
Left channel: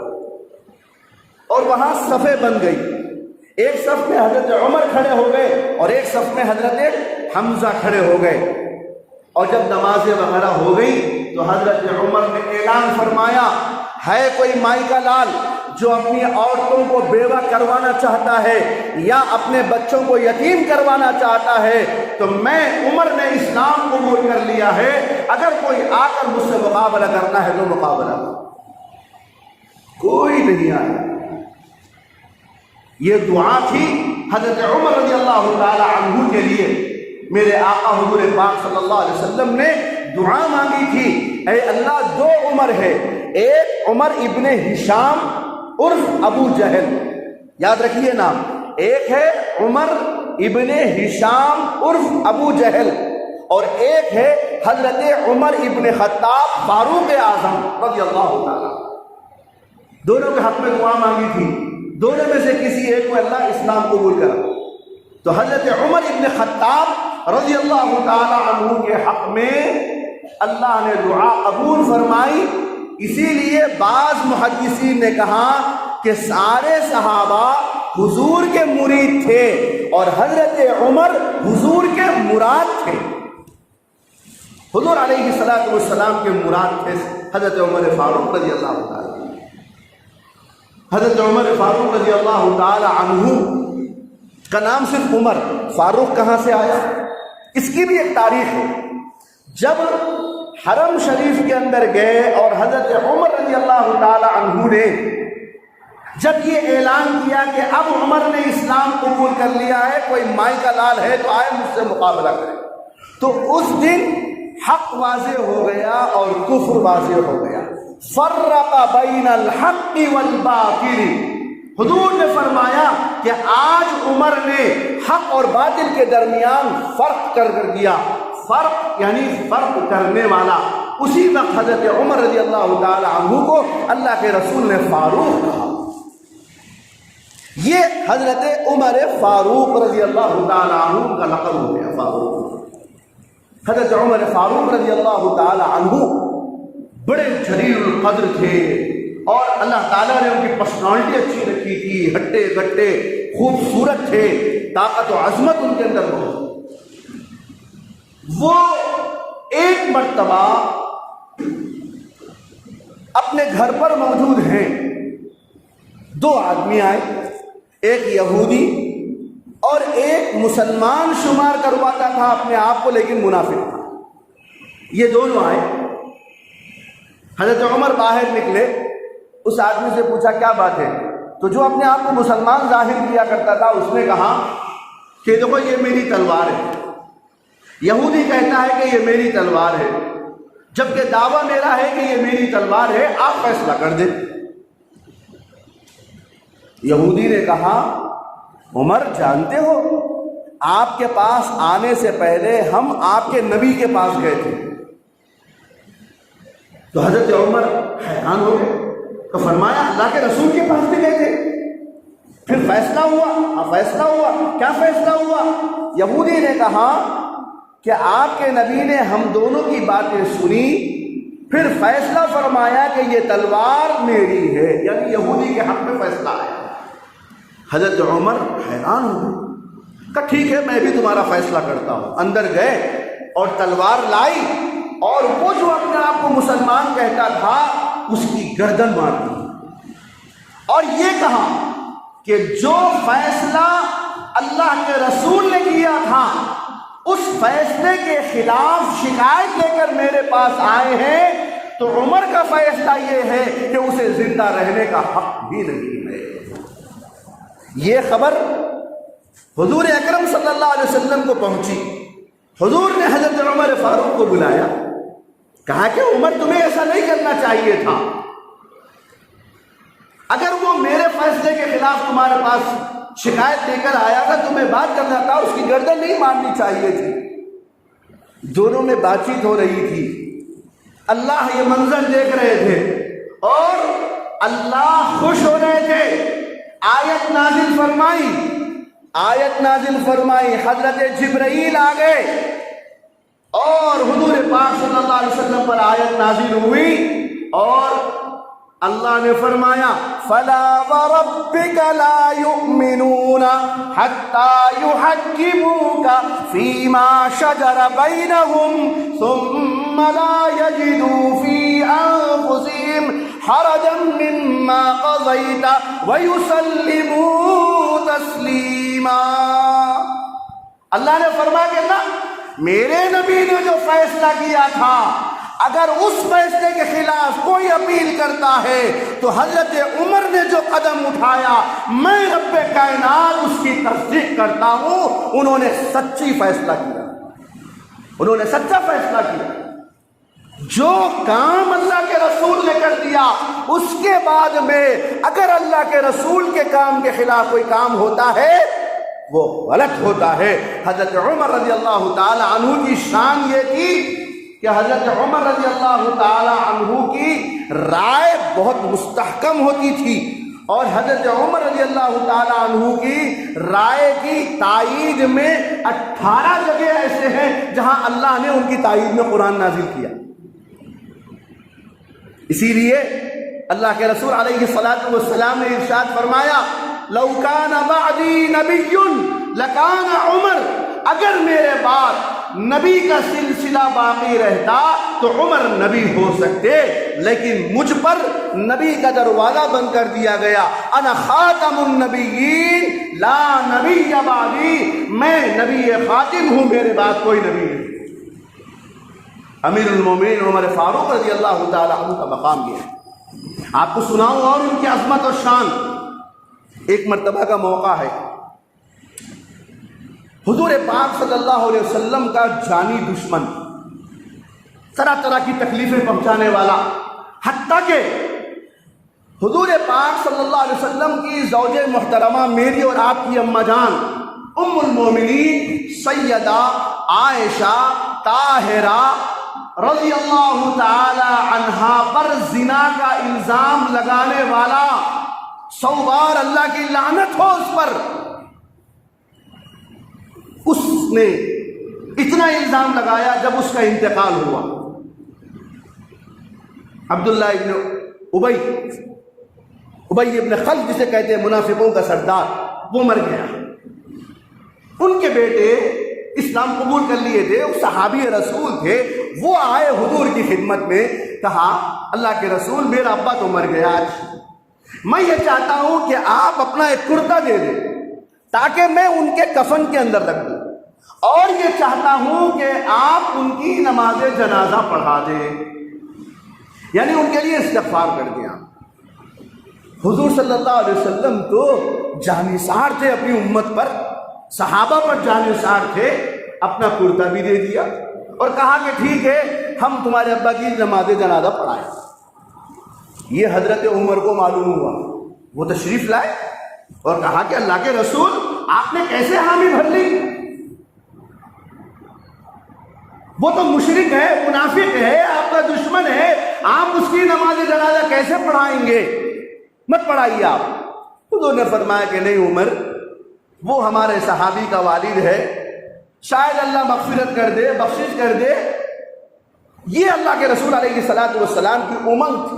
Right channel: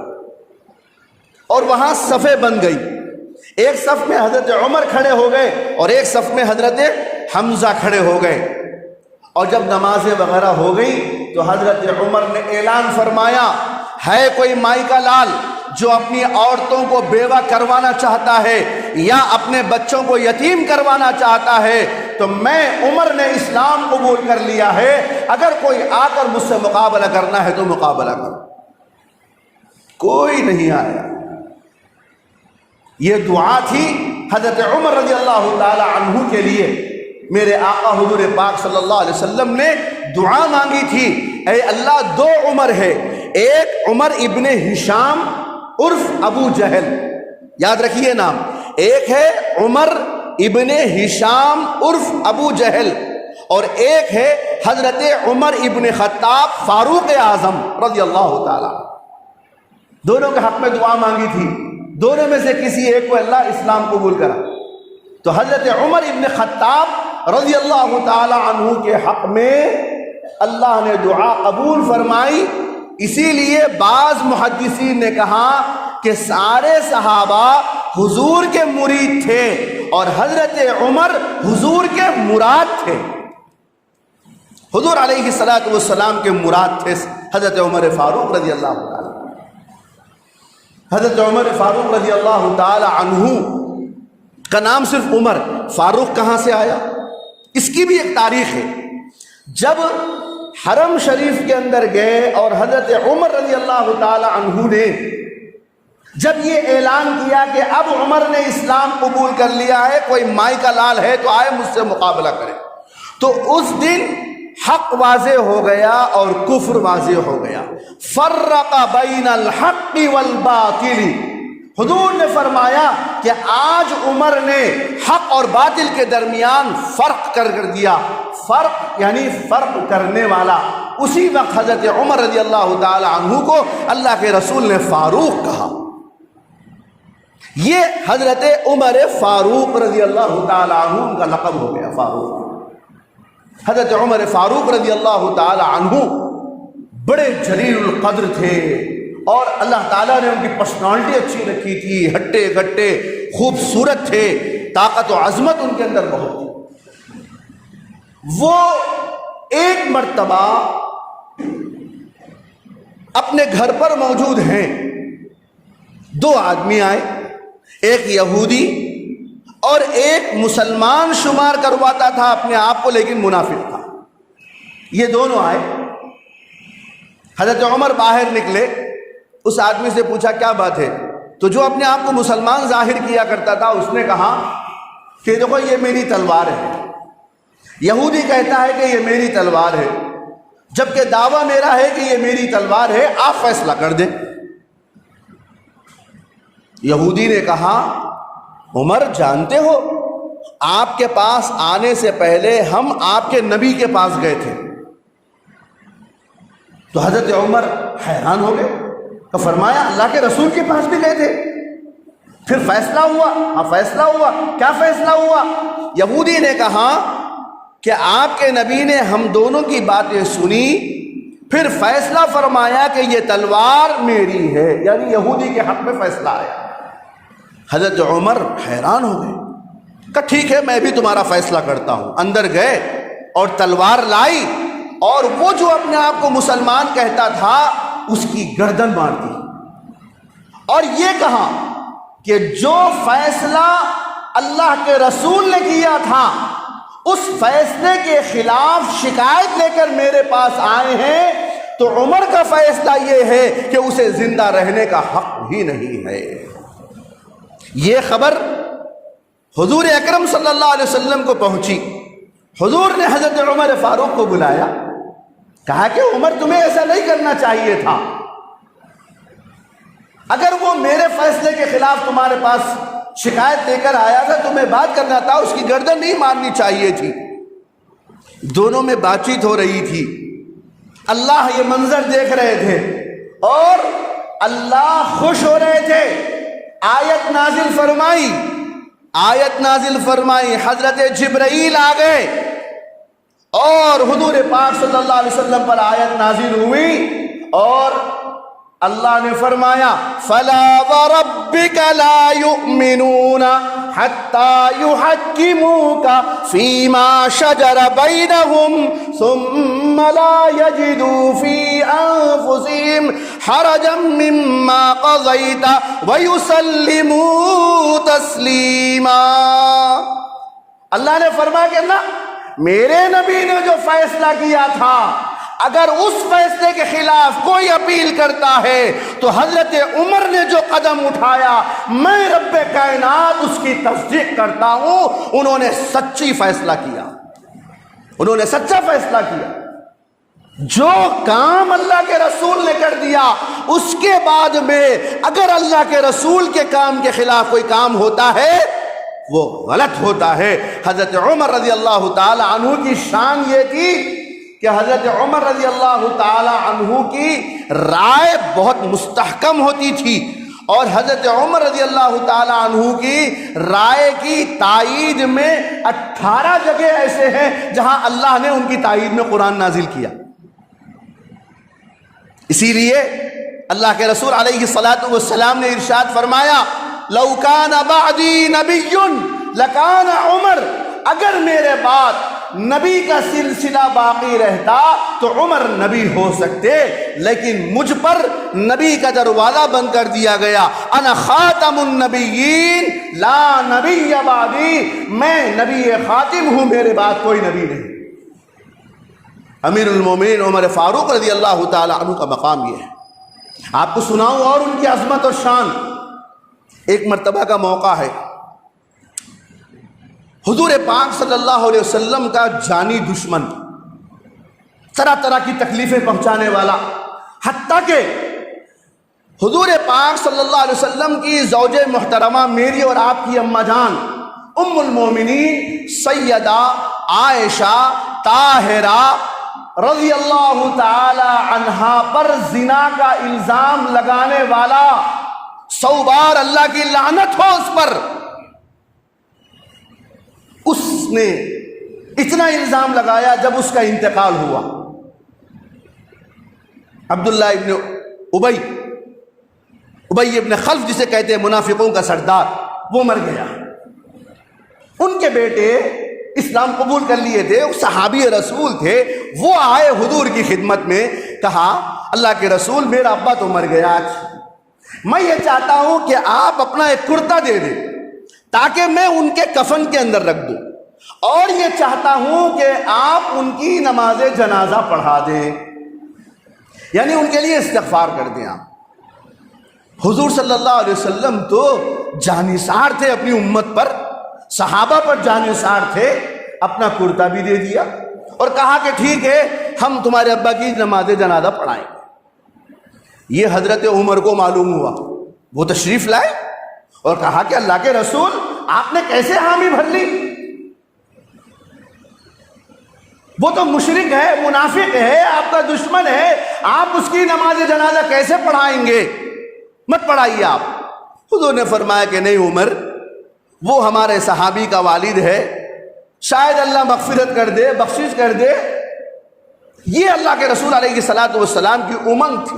اور وہاں صفیں بن گئی۔ ایک صف میں حضرت عمر کھڑے ہو گئے اور ایک صف میں حضرت حمزہ کھڑے ہو گئے، اور جب نمازیں وغیرہ ہو گئی تو حضرت عمر نے اعلان فرمایا ہے کوئی مائی کا لال جو اپنی عورتوں کو بیوہ کروانا چاہتا ہے یا اپنے بچوں کو یتیم کروانا چاہتا ہے تو میں عمر نے اسلام قبول کر لیا ہے، اگر کوئی آ کر مجھ سے مقابلہ کرنا ہے تو مقابلہ کرو۔ کوئی نہیں آیا۔ یہ دعا تھی حضرت عمر رضی اللہ تعالی عنہ کے لیے۔ میرے آقا حضور پاک صلی اللہ علیہ وسلم نے دعا مانگی تھی، اے اللہ دو عمر ہے، ایک عمر ابن ہشام عرف ابو جہل، یاد رکھیے نام، ایک ہے عمر ابن ہشام عرف ابو جہل، اور ایک ہے حضرت عمر ابن خطاب فاروق اعظم رضی اللہ تعالی۔ دونوں کے حق میں دعا مانگی تھی، دونوں میں سے کسی ایک کو اللہ اسلام قبول کرا۔ تو حضرت عمر ابن خطاب رضی اللہ تعالی عنہ کے حق میں اللہ نے دعا قبول فرمائی۔ اسی لیے بعض محدثین نے کہا کہ سارے صحابہ حضور کے مرید تھے اور حضرت عمر حضور کے مراد تھے۔ حضور علیہ السلام کے مراد تھے حضرت عمر فاروق رضی اللہ تعالی۔ حضرت عمر فاروق رضی اللہ تعالی عنہ کا نام صرف عمر، فاروق کہاں سے آیا؟ اس کی بھی ایک تاریخ ہے. جب حرم شریف کے اندر گئے اور حضرت عمر رضی اللہ تعالی عنہ نے جب یہ اعلان کیا کہ اب عمر نے اسلام قبول کر لیا ہے، کوئی مائی کا لال ہے تو آئے مجھ سے مقابلہ کرے، تو اس دن حق واضح ہو گیا اور کفر واضح ہو گیا. فرق بین الحق والباطل. حضور نے فرمایا کہ آج عمر نے حق اور باطل کے درمیان فرق کر دیا. فرق یعنی فرق کرنے والا. اسی وقت حضرت عمر رضی اللہ تعالی عنہ کو اللہ کے رسول نے فاروق کہا. یہ حضرت عمر فاروق رضی اللہ تعالی عنہ ان کا لقب ہو گیا، فاروق. حضرت عمر فاروق رضی اللہ تعالی عنہ بڑے جلیل القدر تھے اور اللہ تعالیٰ نے ان کی پرسنالٹی اچھی رکھی تھی، ہٹے گٹے خوبصورت تھے، طاقت و عظمت ان کے اندر بہت تھی. وہ ایک مرتبہ اپنے گھر پر موجود ہیں، دو آدمی آئے، ایک یہودی اور ایک مسلمان شمار کرواتا تھا اپنے آپ کو لیکن منافق تھا. یہ دونوں آئے. حضرت عمر باہر نکلے، اس آدمی سے پوچھا کیا بات ہے؟ تو جو اپنے آپ کو مسلمان ظاہر کیا کرتا تھا اس نے کہا کہ دیکھو یہ میری تلوار ہے. یہودی کہتا ہے کہ یہ میری تلوار ہے، جبکہ دعویٰ میرا ہے کہ یہ میری تلوار ہے، آپ فیصلہ کر دیں. یہودی نے کہا عمر جانتے ہو آپ کے پاس آنے سے پہلے ہم آپ کے نبی کے پاس گئے تھے. تو حضرت عمر حیران ہو گئے تو فرمایا اللہ کے رسول کے پاس بھی گئے تھے، پھر فیصلہ ہوا؟ ہاں فیصلہ ہوا. کیا فیصلہ ہوا؟ یہودی نے کہا کہ آپ کے نبی نے ہم دونوں کی باتیں سنی، پھر فیصلہ فرمایا کہ یہ تلوار میری ہے، یعنی یہودی کے حق میں فیصلہ آیا. حضرت عمر حیران ہو گئے کہ ٹھیک ہے میں بھی تمہارا فیصلہ کرتا ہوں. اندر گئے اور تلوار لائی اور وہ جو اپنے آپ کو مسلمان کہتا تھا اس کی گردن مار دی اور یہ کہا کہ جو فیصلہ اللہ کے رسول نے کیا تھا اس فیصلے کے خلاف شکایت لے کر میرے پاس آئے ہیں، تو عمر کا فیصلہ یہ ہے کہ اسے زندہ رہنے کا حق ہی نہیں ہے. یہ خبر حضور اکرم صلی اللہ علیہ وسلم کو پہنچی. حضور نے حضرت عمر فاروق کو بلایا، کہا کہ عمر تمہیں ایسا نہیں کرنا چاہیے تھا، اگر وہ میرے فیصلے کے خلاف تمہارے پاس شکایت دے کر آیا تھا تمہیں بات کرنا تھا، اس کی گردن نہیں مارنی چاہیے تھی. دونوں میں بات چیت ہو رہی تھی. اللہ یہ منظر دیکھ رہے تھے اور اللہ خوش ہو رہے تھے. آیت نازل فرمائی، حضرت جبرائیل آ گئے اور حضور پاک صلی اللہ علیہ وسلم پر آیت نازل ہوئی اور اللہ نے فرمایا فَلَا وَرَبِّكَ لَا يُؤْمِنُونَ حَتَّى يُحَكِّمُوكَ فِي مَا شَجَرَ بَيْنَهُمْ ثُمَّ لَا يَجِدُوا فِي أَنفُسِهِمْ حَرَجًا مِّمَّا قَضَيْتَ وَيُسَلِّمُوا تَسْلِيمًا. اللہ نے فرمایا کہ نہ، میرے نبی نے جو فیصلہ کیا تھا اگر اس فیصلے کے خلاف کوئی اپیل کرتا ہے تو حضرت عمر نے جو قدم اٹھایا میں رب کائنات اس کی تصدیق کرتا ہوں. انہوں نے سچی فیصلہ کیا، انہوں نے سچا فیصلہ کیا. جو کام اللہ کے رسول نے کر دیا اس کے بعد میں اگر اللہ کے رسول کے کام کے خلاف کوئی کام ہوتا ہے وہ غلط ہوتا ہے. حضرت عمر رضی اللہ تعالی عنہ کی شان یہ تھی کہ حضرت عمر رضی اللہ تعالی عنہ کی رائے بہت مستحکم ہوتی تھی اور حضرت عمر رضی اللہ تعالی عنہ کی رائے کی تائید میں 18 جگہ ایسے ہیں جہاں اللہ نے ان کی تائید میں قرآن نازل کیا. اسی لیے اللہ کے رسول علیہ الصلاۃ والسلام نے ارشاد فرمایا لو کان بعدی نبی لکان عمر، اگر میرے بعد نبی کا سلسلہ باقی رہتا تو عمر نبی ہو سکتے، لیکن مجھ پر نبی کا دروازہ بند کر دیا گیا۔ انا خاتم النبیین لا نبی بعدی، میں نبی خاتم ہوں، میرے بعد کوئی نبی نہیں۔ امیر المومنین عمر فاروق رضی اللہ تعالی عنہ کا مقام یہ ہے۔ آپ کو سناؤں اور ان کی عظمت اور شان۔ ایک مرتبہ کا موقع ہے، حضور پاک صلی اللہ علیہ وسلم کا جانی دشمن، طرح طرح کی تکلیفیں پہنچانے والا، حتیٰ کہ حضور پاک صلی اللہ علیہ وسلم کی زوج محترمہ میری اور آپ کی اماں جان ام المومنین سیدہ عائشہ طاہرہ رضی اللہ تعالی عنہا پر زنا کا الزام لگانے والا، 100 بار اللہ کی لعنت ہو اس پر، اس نے اتنا الزام لگایا جب اس کا انتقال ہوا۔ عبداللہ ابن ابی ابن خلف جسے کہتے ہیں منافقوں کا سردار، وہ مر گیا۔ ان کے بیٹے اسلام قبول کر لیے تھے، وہ صحابی رسول تھے، وہ آئے حضور کی خدمت میں، کہا اللہ کے رسول میرا ابا تو مر گیا، میں یہ چاہتا ہوں کہ آپ اپنا ایک کرتا دے دیں تاکہ میں ان کے کفن کے اندر رکھ دوں، اور یہ چاہتا ہوں کہ آپ ان کی نماز جنازہ پڑھا دیں، یعنی ان کے لیے استغفار کر دیں آپ۔ حضور صلی اللہ علیہ وسلم تو جانثار تھے اپنی امت پر، صحابہ پر جانثار تھے، اپنا کرتا بھی دے دیا اور کہا کہ ٹھیک ہے ہم تمہارے ابا کی نماز جنازہ پڑھائیں۔ یہ حضرت عمر کو معلوم ہوا، وہ تشریف لائے اور کہا کہ اللہ کے رسول آپ نے کیسے حامی بھر لی، وہ تو مشرک ہے، منافق ہے، آپ کا دشمن ہے، آپ اس کی نماز جنازہ کیسے پڑھائیں گے، مت پڑھائیے آپ۔ حضور نے فرمایا کہ نہیں عمر، وہ ہمارے صحابی کا والد ہے، شاید اللہ مغفرت کر دے، بخشش کر دے۔ یہ اللہ کے رسول علیہ الصلوۃ والسلام کی امنگ تھی۔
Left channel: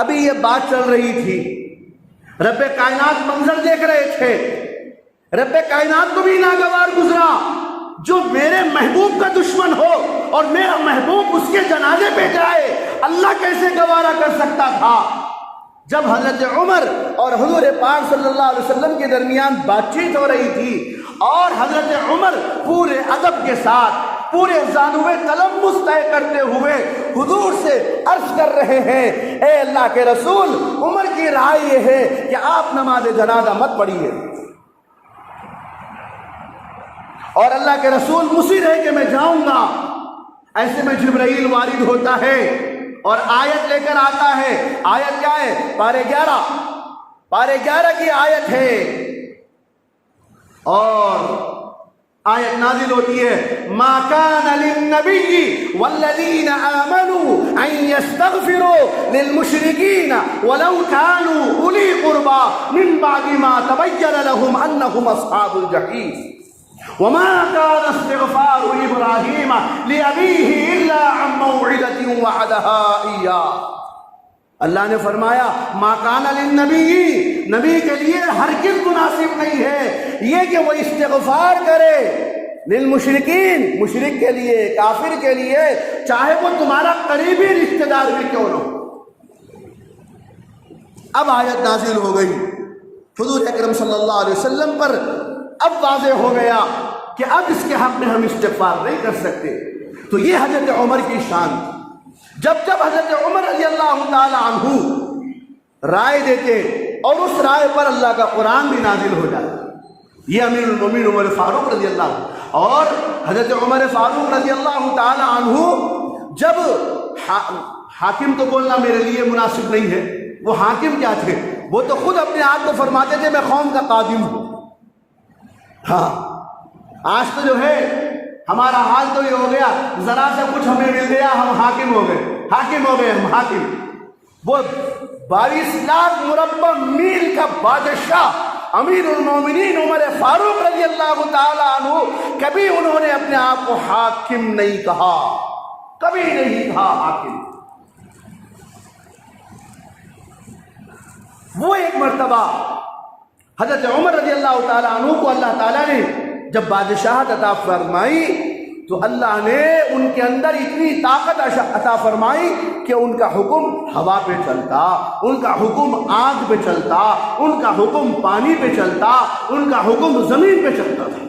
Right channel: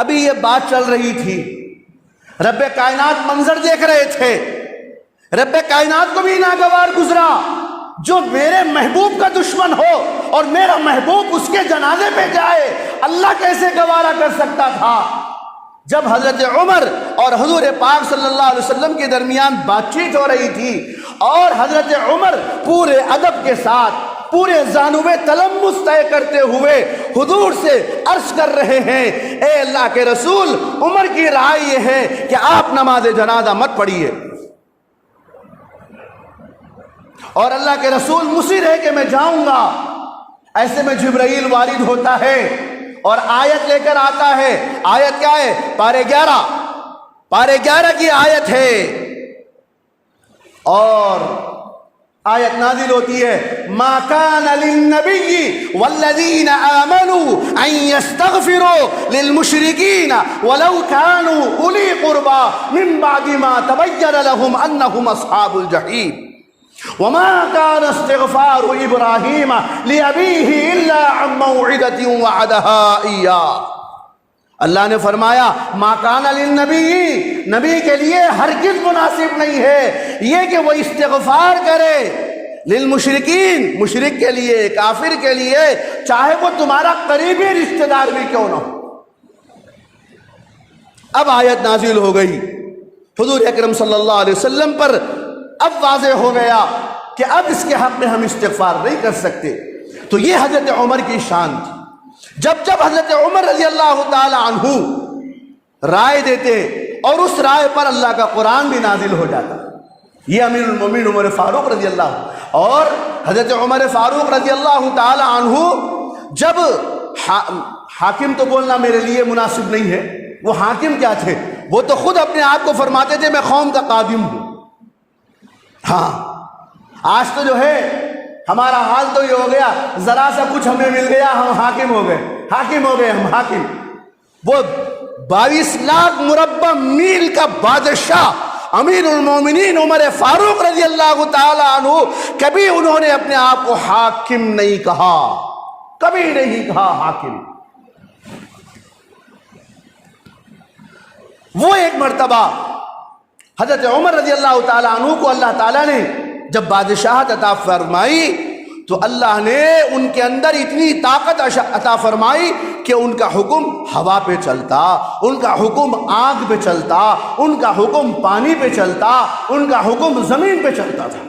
ابھی یہ بات چل رہی تھی، رب کائنات منظر دیکھ رہے تھے، رب کائنات کو بھی ناگوار گزرا جو میرے محبوب کا دشمن ہو اور میرا محبوب اس کے جنازے پہ جائے، اللہ کیسے گوارا کر سکتا تھا۔ جب حضرت عمر اور حضور پاک صلی اللہ علیہ وسلم کے درمیان بات چیت ہو رہی تھی اور حضرت عمر پورے ادب کے ساتھ پورے زانوے تلمس طے کرتے ہوئے حضور سے عرض کر رہے ہیں، اے اللہ کے رسول، عمر کی رائے یہ ہے کہ آپ نماز جنازہ مت پڑھیے، اور اللہ کے رسول مصر ہے کہ میں جاؤں گا۔ ایسے میں جبرائیل وارد ہوتا ہے اور آیت لے کر آتا ہے۔ آیت کیا ہے؟ پارے 11 کی آیت ہے، اور آیت نازل ہوتی ہے، ما کان للنبی والذین آمنوا ان یستغفروا للمشرکین ولو کانوا اولی قربى من بعد ما تبین لهم انهم اصحاب الجحیم وما كان استغفار ابراہیم لأبیہ الا عن موعدۃ وعدها ایاہ۔ اللہ نے فرمایا ما کان للنبی، نبی کے لیے ہرگز مناسب نہیں ہے یہ کہ وہ استغفار کرے للمشرکین، مشرک کے لیے، کافر کے لیے، چاہے وہ تمہارا قریبی رشتہ دار بھی کیوں نہ ہو۔ اب آیت نازل ہو گئی، حضور اکرم صلی اللہ علیہ وسلم پر اب واضح ہو گیا کہ اب اس کے حق میں ہم استغفار نہیں کر سکتے۔ تو یہ حضرت عمر کی شان تھی۔ جب حضرت عمر رضی اللہ تعالی عنہ رائے دیتے اور اس رائے پر اللہ کا قرآن بھی نازل ہو جاتا، یہ امیر المومنین عمر فاروق رضی اللہ، اور حضرت عمر فاروق رضی اللہ تعالی عنہ جب حاکم تو بولنا میرے لیے مناسب نہیں ہے، وہ حاکم کیا تھے؟ وہ تو خود اپنے آپ کو فرماتے تھے میں قوم کا قادم ہوں۔ ہاں آج تو جو ہے ہمارا حال تو یہ ہو گیا، ذرا سا کچھ ہمیں مل گیا ہم حاکم ہو گئے ہم حاکم۔ وہ 22 لاکھ مربع میل کا بادشاہ امیر المومنین عمر فاروق رضی اللہ تعالی عنہ، کبھی انہوں نے اپنے آپ کو حاکم نہیں کہا، کبھی نہیں کہا حاکم۔ وہ ایک مرتبہ حضرت عمر رضی اللہ تعالی عنہ کو اللہ تعالیٰ نے جب بادشاہت عطا فرمائی تو اللہ نے ان کے اندر اتنی طاقت عطا فرمائی کہ ان کا حکم ہوا پہ چلتا، ان کا حکم آگ پہ چلتا، ان کا حکم پانی پہ چلتا، ان کا حکم زمین پہ چلتا تھا۔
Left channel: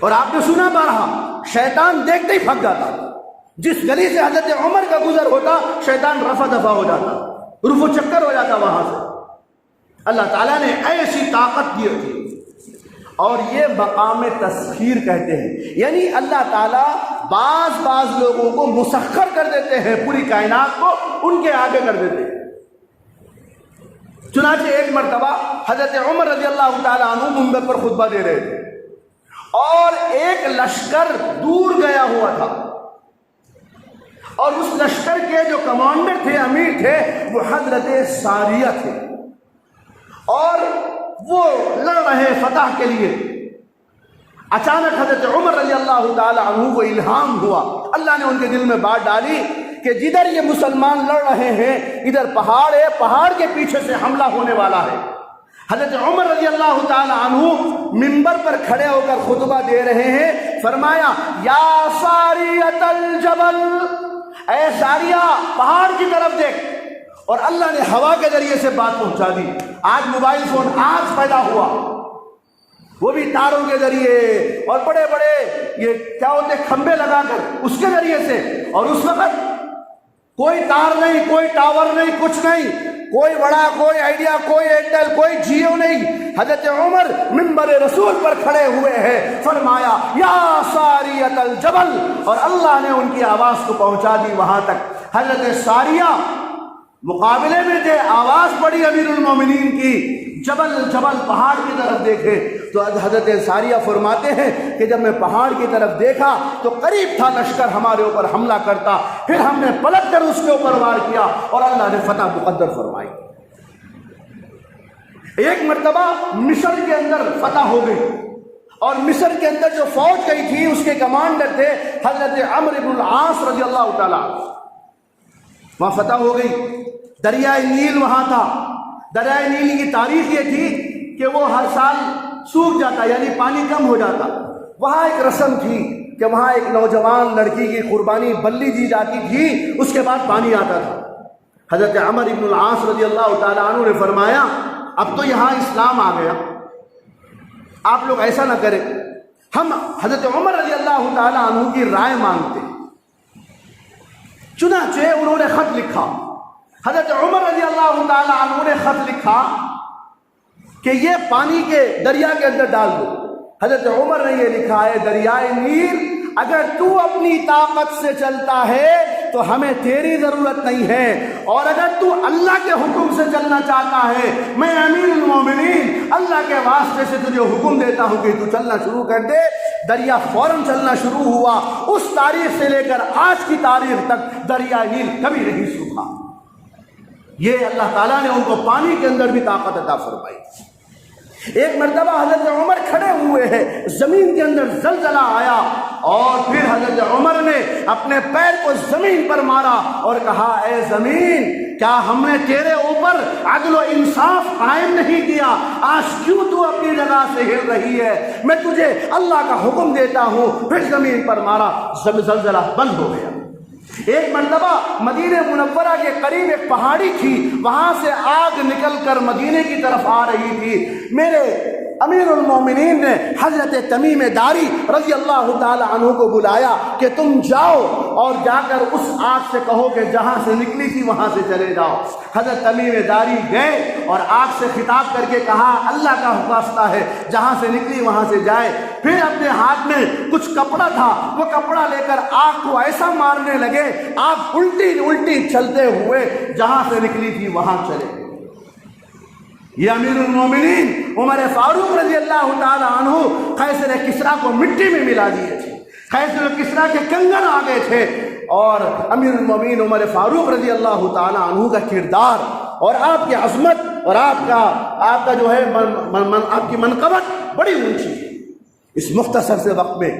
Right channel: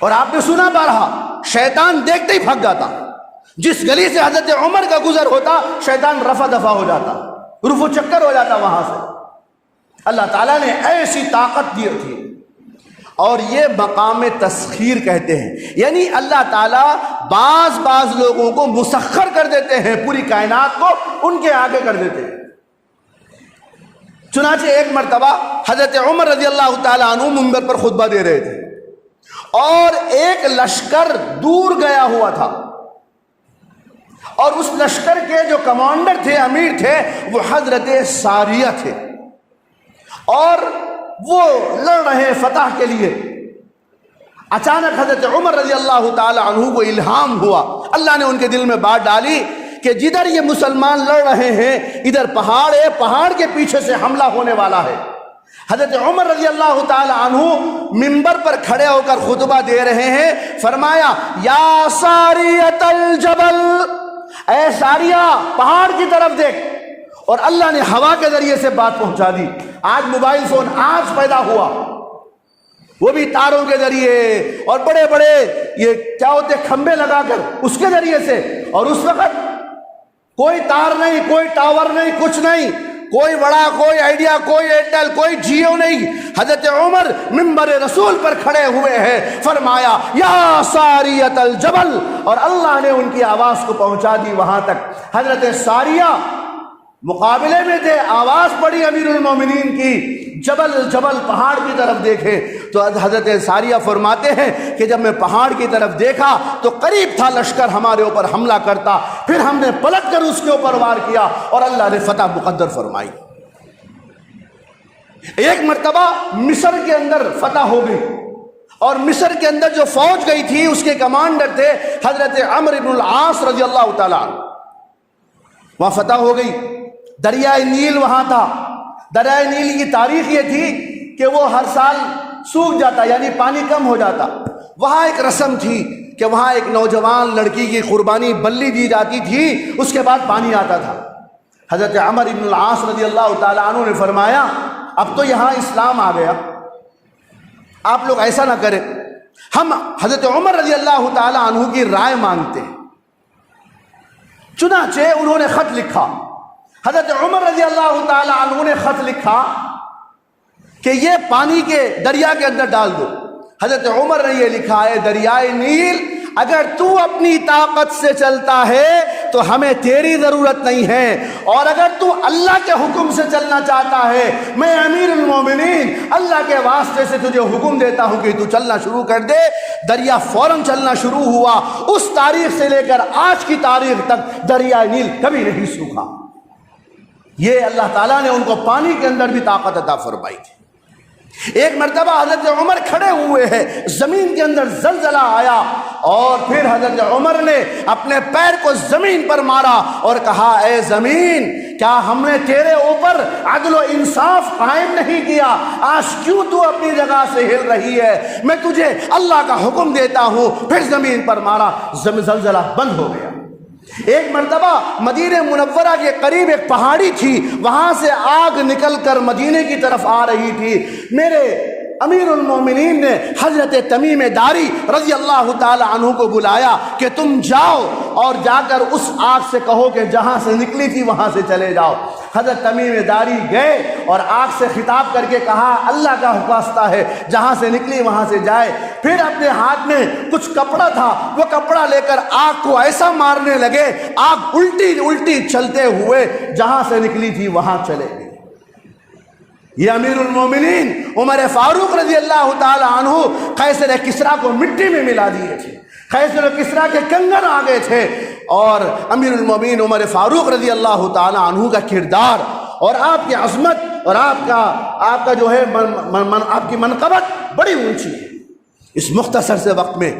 اور آپ نے سنا بارہا، شیطان دیکھتے ہی بھگ جاتا، جس گلی سے حضرت عمر کا گزر ہوتا شیطان رفع دفع ہو جاتا، رفو چکر ہو جاتا وہاں سے۔ اللہ تعالیٰ نے ایسی طاقت دی تھی، اور یہ مقام تسخیر کہتے ہیں، یعنی اللہ تعالیٰ بعض لوگوں کو مسخر کر دیتے ہیں، پوری کائنات کو ان کے آگے کر دیتے ہیں۔ چنانچہ ایک مرتبہ حضرت عمر رضی اللہ تعالیٰ عنہ منبر پر خطبہ دے رہے تھے، اور ایک لشکر دور گیا ہوا تھا، اور اس لشکر کے جو کمانڈر تھے، امیر تھے، وہ حضرت ساریہ تھے، اور وہ لڑ رہے فتح کے لیے۔ اچانک حضرت عمر رضی اللہ تعالی عنہ کو الہام ہوا، اللہ نے ان کے دل میں بات ڈالی کہ جدھر یہ مسلمان لڑ رہے ہیں ادھر پہاڑ ہے، پہاڑ کے پیچھے سے حملہ ہونے والا ہے۔ حضرت عمر رضی اللہ تعالی عنہ منبر پر کھڑے ہو کر خطبہ دے رہے ہیں، فرمایا یا ساریۃ الجبل، اے ساریہ پہاڑ کی طرف دیکھ، اور اللہ نے ہوا کے ذریعے سے بات پہنچا دی۔ آج موبائل فون آج پیدا ہوا، وہ بھی تاروں کے ذریعے، اور بڑے بڑے یہ کیا ہوتے کھمبے لگا کر اس کے ذریعے سے، اور اس وقت کوئی تار نہیں، کوئی ٹاور نہیں، کچھ نہیں، کوئی بڑا، کوئی آئیڈیا، کوئی ایئرٹیل، کوئی جیو نہیں۔ حضرت عمر منبر رسول پر کھڑے ہوئے ہیں، فرمایا یا ساریۃ الجبل، اور اللہ نے ان کی آواز کو پہنچا دی وہاں تک۔ حضرت ساریہ مقابلے میں تھے، آواز پڑی امیر المومنین کی، جبل جبل پہاڑ کی طرف دیکھے تو حضرت ساریہ فرماتے ہیں کہ جب میں پہاڑ کی طرف دیکھا تو قریب تھا لشکر ہمارے اوپر حملہ کرتا، پھر ہم نے پلٹ کر اس کے اوپر وار کیا اور اللہ نے فتح مقدر فرمائی۔ ایک مرتبہ مصر کے اندر فتح ہو گئی، اور مصر کے اندر جو فوج گئی تھی اس کے کمانڈر تھے حضرت عمرو بن العاص رضی اللہ تعالیٰ عنہ۔ وہاں فتح ہو گئی، دریائے نیل وہاں تھا۔ دریائے نیل کی تاریخ یہ تھی کہ وہ ہر سال سوکھ جاتا، یعنی پانی کم ہو جاتا۔ وہاں ایک رسم تھی کہ وہاں ایک نوجوان لڑکی کی قربانی بلی دی جاتی تھی، اس کے بعد پانی آتا تھا۔ حضرت عمرو بن العاص رضی اللہ تعالیٰ عنہ نے فرمایا اب تو یہاں اسلام آ گیا، آپ لوگ ایسا نہ کریں، ہم حضرت عمر رضی اللہ تعالیٰ عنہ کی رائے مانگتے ہیں۔ چنانچہ انہوں نے خط لکھا، حضرت عمر رضی اللہ تعالیٰ عنہ نے خط لکھا کہ یہ پانی کے دریا کے اندر ڈال دو۔ حضرت عمر نے یہ لکھا ہے دریائے نیل اگر تو اپنی طاقت سے چلتا ہے تو ہمیں تیری ضرورت نہیں ہے، اور اگر تو اللہ کے حکم سے چلنا چاہتا ہے میں امیر المومنین اللہ کے واسطے سے تجھے حکم دیتا ہوں کہ تو چلنا شروع کر دے۔ دریا فوراً چلنا شروع ہوا، اس تاریخ سے لے کر آج کی تاریخ تک دریائے نیل کبھی نہیں سوکھا۔ یہ اللہ تعالیٰ نے ان کو پانی کے اندر بھی طاقت عطا فرمائی تھی۔ ایک مرتبہ حضرت عمر کھڑے ہوئے ہیں، زمین کے اندر زلزلہ آیا، اور پھر حضرت عمر نے اپنے پیر کو زمین پر مارا اور کہا اے زمین کیا ہم نے تیرے اوپر عدل و انصاف قائم نہیں کیا؟ آج کیوں تو اپنی جگہ سے ہل رہی ہے؟ میں تجھے اللہ کا حکم دیتا ہوں۔ پھر زمین پر مارا، زلزلہ بند ہو گیا۔ ایک مرتبہ مدینہ منورہ کے قریب ایک پہاڑی تھی، وہاں سے آگ نکل کر مدینے کی طرف آ رہی تھی۔ میرے امیر المومنین نے حضرت تمیم داری رضی اللہ تعالی عنہ کو بلایا کہ تم جاؤ اور جا کر اس آگ سے کہو کہ جہاں سے نکلی تھی وہاں سے چلے جاؤ۔ حضرت تمیم داری گئے اور آگ سے خطاب کر کے کہا اللہ کا واسطہ ہے جہاں سے نکلی وہاں سے جائے۔ پھر اپنے ہاتھ میں کچھ کپڑا تھا، وہ کپڑا لے کر آگ کو ایسا مارنے لگے، آگ الٹی الٹی چلتے ہوئے جہاں سے نکلی تھی وہاں چلے گئے۔ یہ امیر المومنین عمر فاروق رضی اللہ تعالی عنہ قیصر کسریٰ کو مٹی میں ملا دیے تھے، قیصر کسریٰ کے کنگن آ گئے تھے، اور امیر المومنین عمر فاروق رضی اللہ تعالی عنہ کا کردار اور آپ کی عظمت اور آپ کا جو ہے آپ کی منقبت بڑی اونچی ہے۔ اس مختصر سے وقت میں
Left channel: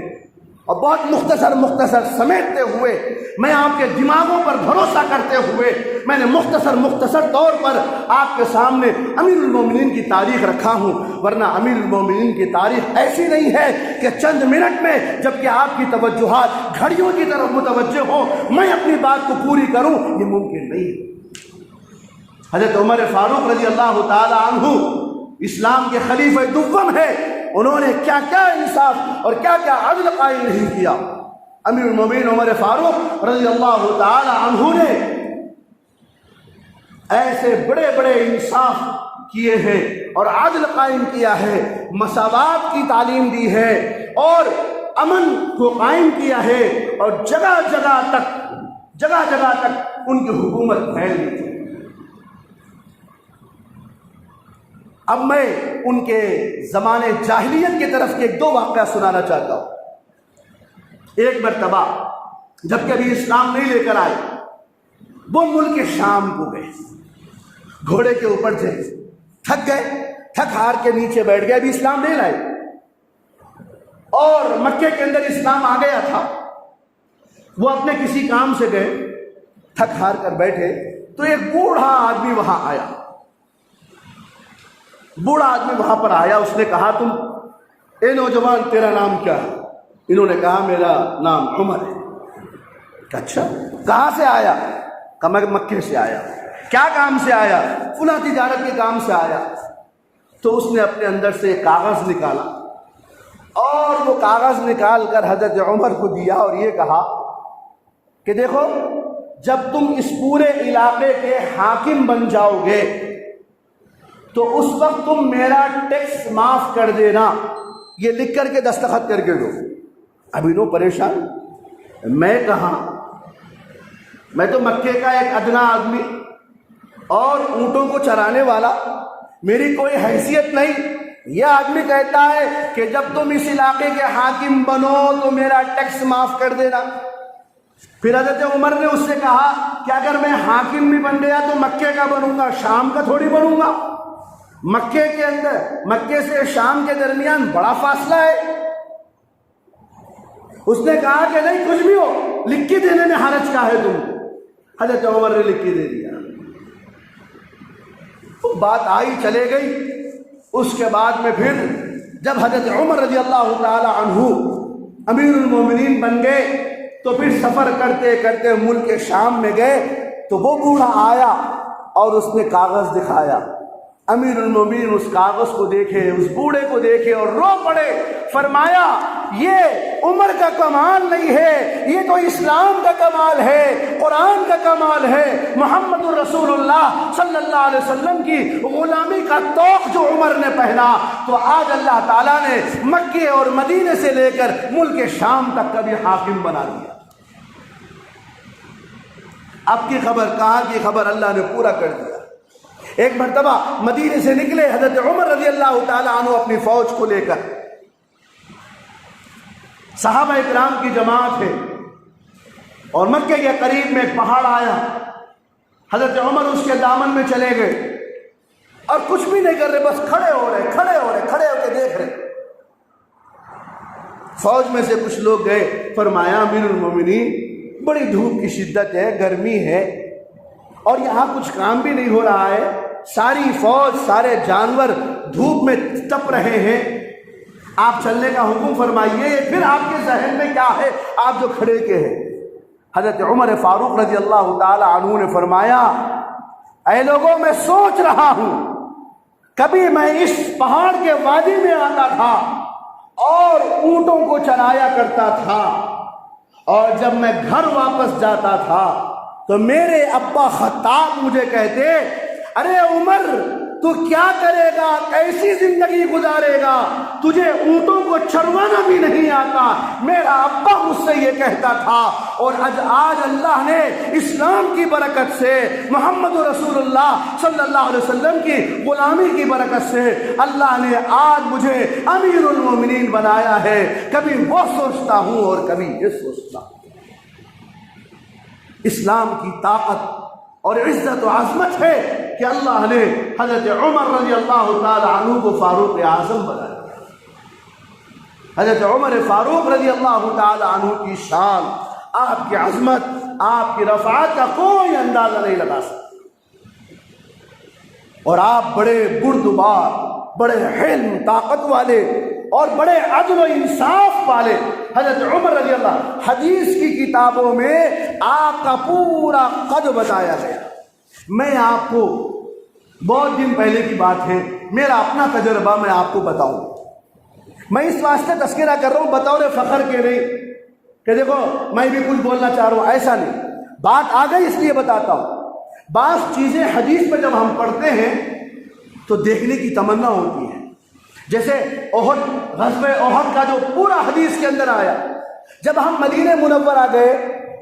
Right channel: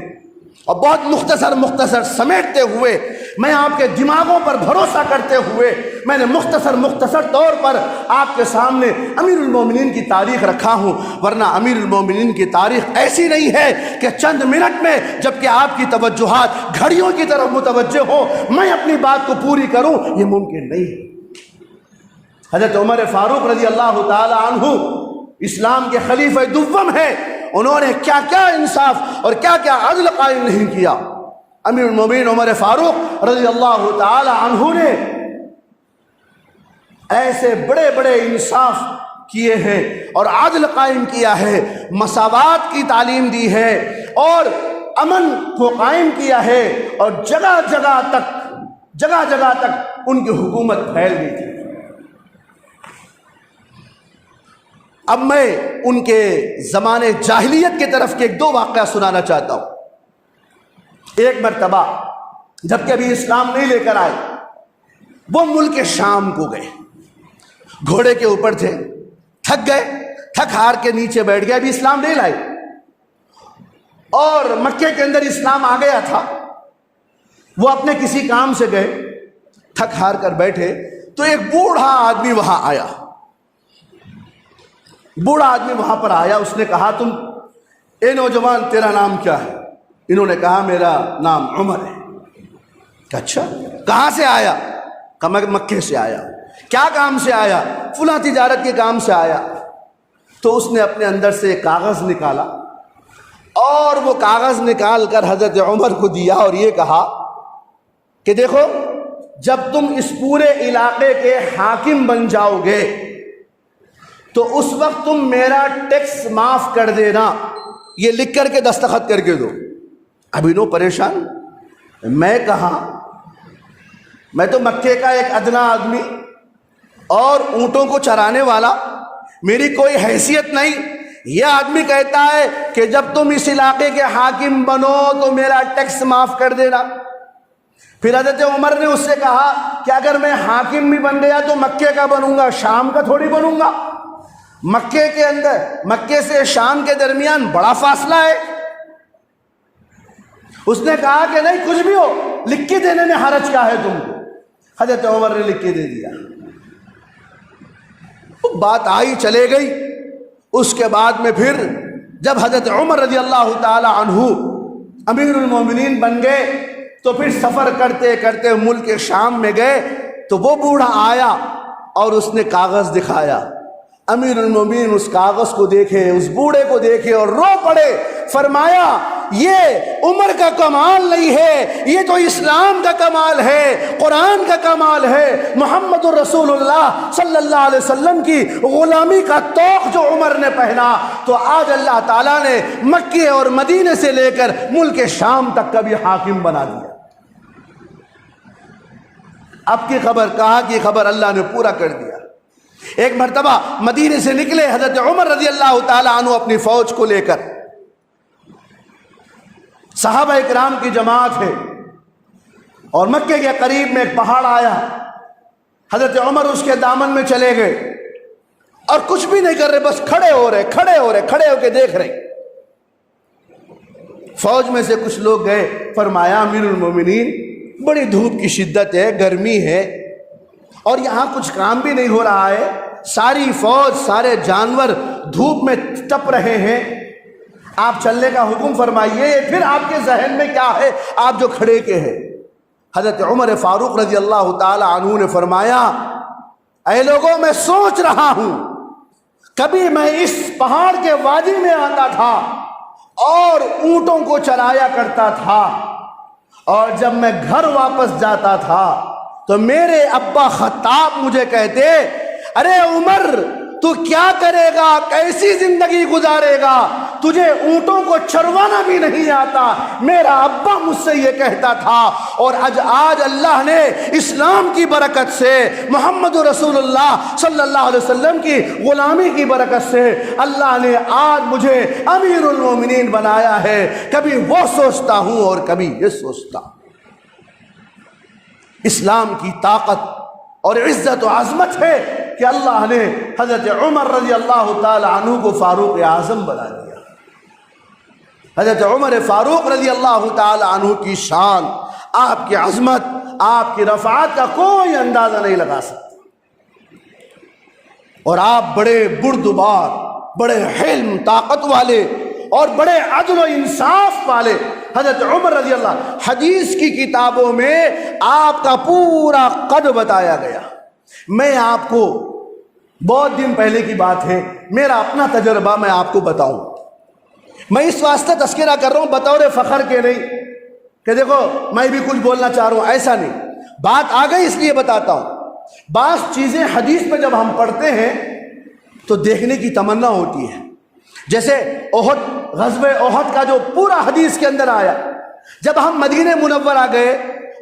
اور بہت مختصر سمیٹتے ہوئے میں آپ کے دماغوں پر بھروسہ کرتے ہوئے میں نے مختصر طور پر آپ کے سامنے امیر المومنین کی تاریخ رکھا ہوں، ورنہ امیر المومنین کی تاریخ ایسی نہیں ہے کہ چند منٹ میں جبکہ آپ کی توجہات گھڑیوں کی طرف متوجہ ہو میں اپنی بات کو پوری کروں، یہ ممکن نہیں ہے۔ حضرت عمر فاروق رضی اللہ تعالی عنہ اسلام کے خلیفہ دوم ہے، انہوں نے کیا کیا انصاف اور کیا کیا عدل قائم نہیں کیا۔ امیر المومنین عمر فاروق رضی اللہ تعالی عنہ نے ایسے بڑے بڑے انصاف کیے ہیں اور عدل قائم کیا ہے، مساوات کی تعلیم دی ہے اور امن کو قائم کیا ہے، اور جگہ جگہ تک ان کی حکومت پھیل گئی تھی۔ اب میں ان کے زمانے جاہلیت کی طرف کے ایک دو واقعہ سنانا چاہتا ہوں۔ ایک مرتبہ جب کہ ابھی اسلام نہیں لے کر آئے، وہ ملک شام کو گئے، گھوڑے کے اوپر تھے، تھک گئے، تھک ہار کے نیچے بیٹھ گئے، ابھی اسلام نہیں لائے، اور مکے کے اندر اسلام آ گیا تھا۔ وہ اپنے کسی کام سے گئے، تھک ہار کر بیٹھے تو ایک بوڑھا آدمی وہاں آیا۔ بوڑھا آدمی وہاں پر آیا، اس نے کہا تم اے نوجوان تیرا نام کیا ہے؟ انہوں نے کہا میرا نام عمر ہے۔ اچھا کہاں سے آیا؟ کہا میں مکے سے آیا۔ کیا کام سے آیا؟ فلاں تجارت کے کام سے آیا۔ تو اس نے اپنے اندر سے ایک کاغذ نکالا اور وہ کاغذ نکال کر حضرت عمر کو دیا اور یہ کہا کہ دیکھو جب تم اس پورے علاقے کے حاکم بن جاؤ گے تو اس وقت تم میرا ٹیکس معاف کر دینا، یہ لکھ کر کے دستخط کر کے دو۔ ابھی نو پریشان، میں کہاں، میں تو مکے کا ایک ادنا آدمی اور اونٹوں کو چرانے والا، میری کوئی حیثیت نہیں۔ یہ آدمی کہتا ہے کہ جب تم اس علاقے کے حاکم بنو تو میرا ٹیکس معاف کر دینا۔ پھر حضرت عمر نے اس سے کہا کہ اگر میں حاکم بھی بن گیا تو مکے کا بنوں گا، شام کا تھوڑی بنوں گا۔ مکے کے اندر، مکے سے شام کے درمیان بڑا فاصلہ ہے۔ اس نے کہا کہ نہیں کچھ بھی ہو، لکھ کے دینے میں حرج کیا ہے تم؟ حضرت عمر نے لکھ کے دے دیا۔ بات آئی چلے گئی۔ اس کے بعد میں پھر جب حضرت عمر رضی اللہ تعالی عنہ امیر المومنین بن گئے تو پھر سفر کرتے کرتے ملک شام میں گئے تو وہ بوڑھا آیا اور اس نے کاغذ دکھایا۔ امیر المومنین اس کاغذ کو دیکھے، اس بوڑھے کو دیکھے اور رو پڑے۔ فرمایا یہ عمر کا کمال نہیں ہے، یہ تو اسلام کا کمال ہے، قرآن کا کمال ہے، محمد رسول اللہ صلی اللہ علیہ وسلم کی غلامی کا طوق جو عمر نے پہنا تو آج اللہ تعالیٰ نے مکے اور مدینے سے لے کر ملک شام تک کا بھی حاکم بنا دیا۔ اب کی خبر، کہاں کی خبر، اللہ نے پورا کر دیا۔ ایک مرتبہ مدینے سے نکلے حضرت عمر رضی اللہ تعالی عنہ اپنی فوج کو لے کر، صحابہ اکرام کی جماعت ہے اور مکے کے قریب میں ایک پہاڑ آیا، حضرت عمر اس کے دامن میں چلے گئے اور کچھ بھی نہیں کر رہے، بس کھڑے ہو کے دیکھ رہے۔ فوج میں سے کچھ لوگ گئے، فرمایا امیر المومنین بڑی دھوپ کی شدت ہے، گرمی ہے اور یہاں کچھ کام بھی نہیں ہو رہا ہے، ساری فوج سارے جانور دھوپ میں تپ رہے ہیں، آپ چلنے کا حکم فرمائیے۔ پھر آپ کے ذہن میں کیا ہے آپ جو کھڑے کے ہیں؟ حضرت عمر فاروق رضی اللہ تعالی عنہ نے فرمایا اے لوگوں میں سوچ رہا ہوں، کبھی میں اس پہاڑ کے وادی میں آتا تھا اور اونٹوں کو چرایا کرتا تھا، اور جب میں گھر واپس جاتا تھا تو میرے ابا خطاب مجھے کہتے ارے عمر تو کیا کرے گا، کیسی زندگی گزارے گا، تجھے اونٹوں کو چروانا بھی نہیں آتا۔ میرا ابا مجھ سے یہ کہتا تھا، اور آج اللہ نے اسلام کی برکت سے، محمد رسول اللہ صلی اللہ علیہ وسلم کی غلامی کی برکت سے اللہ نے آج مجھے امیر المومنین بنایا ہے۔ کبھی وہ سوچتا ہوں اور کبھی یہ سوچتا ہوں۔ اسلام کی طاقت اور عزت و عظمت ہے کہ اللہ نے حضرت عمر رضی اللہ تعالی عنہ کو فاروق اعظم بنا دیا۔ حضرت عمر فاروق رضی اللہ تعالی عنہ کی شان، آپ کی عظمت، آپ کی رفعت کا کوئی اندازہ نہیں لگا سکتا، اور آپ بڑے بردبار، بڑے حلم طاقت والے اور بڑے عدل و انصاف والے حضرت عمر رضی اللہ، حدیث کی کتابوں میں آپ کا پورا قد بتایا گیا۔ میں آپ کو بہت دن پہلے کی بات ہے، میرا اپنا تجربہ میں آپ کو بتاؤں، میں اس واسطے تذکرہ کر رہا ہوں بطور فخر کے نہیں کہ دیکھو میں بھی کچھ بولنا چاہ رہا ہوں، ایسا نہیں، بات آ گئی اس لیے بتاتا ہوں۔ بعض چیزیں حدیث میں جب ہم پڑھتے ہیں تو دیکھنے کی تمنا ہوتی ہے، جیسے احد، غزوہ احد کا جو پورا حدیث کے اندر آیا، جب ہم مدینہ منورہ گئے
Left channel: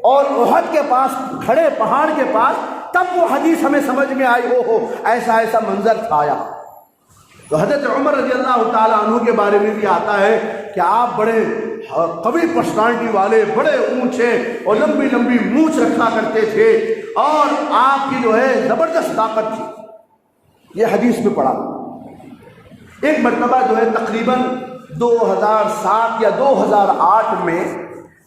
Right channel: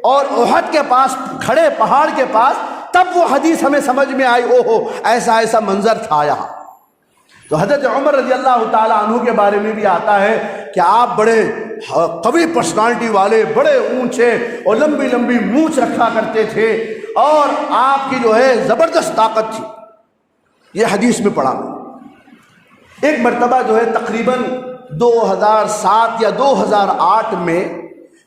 اور احد کے پاس کھڑے پہاڑ کے پاس، تب وہ حدیث ہمیں سمجھ میں آئی، اوہو ایسا ایسا منظر تھا یہاں۔ تو حضرت عمر رضی اللہ تعالیٰ عنہ کے بارے میں بھی آتا ہے کہ آپ بڑے قوی پرسنالٹی والے، بڑے اونچے اور لمبی لمبی مونچھ رکھا کرتے تھے، اور آپ کی جو ہے زبردست طاقت تھی۔ یہ حدیث میں پڑھا۔ ایک مرتبہ جو ہے تقریباً 2007 یا 2008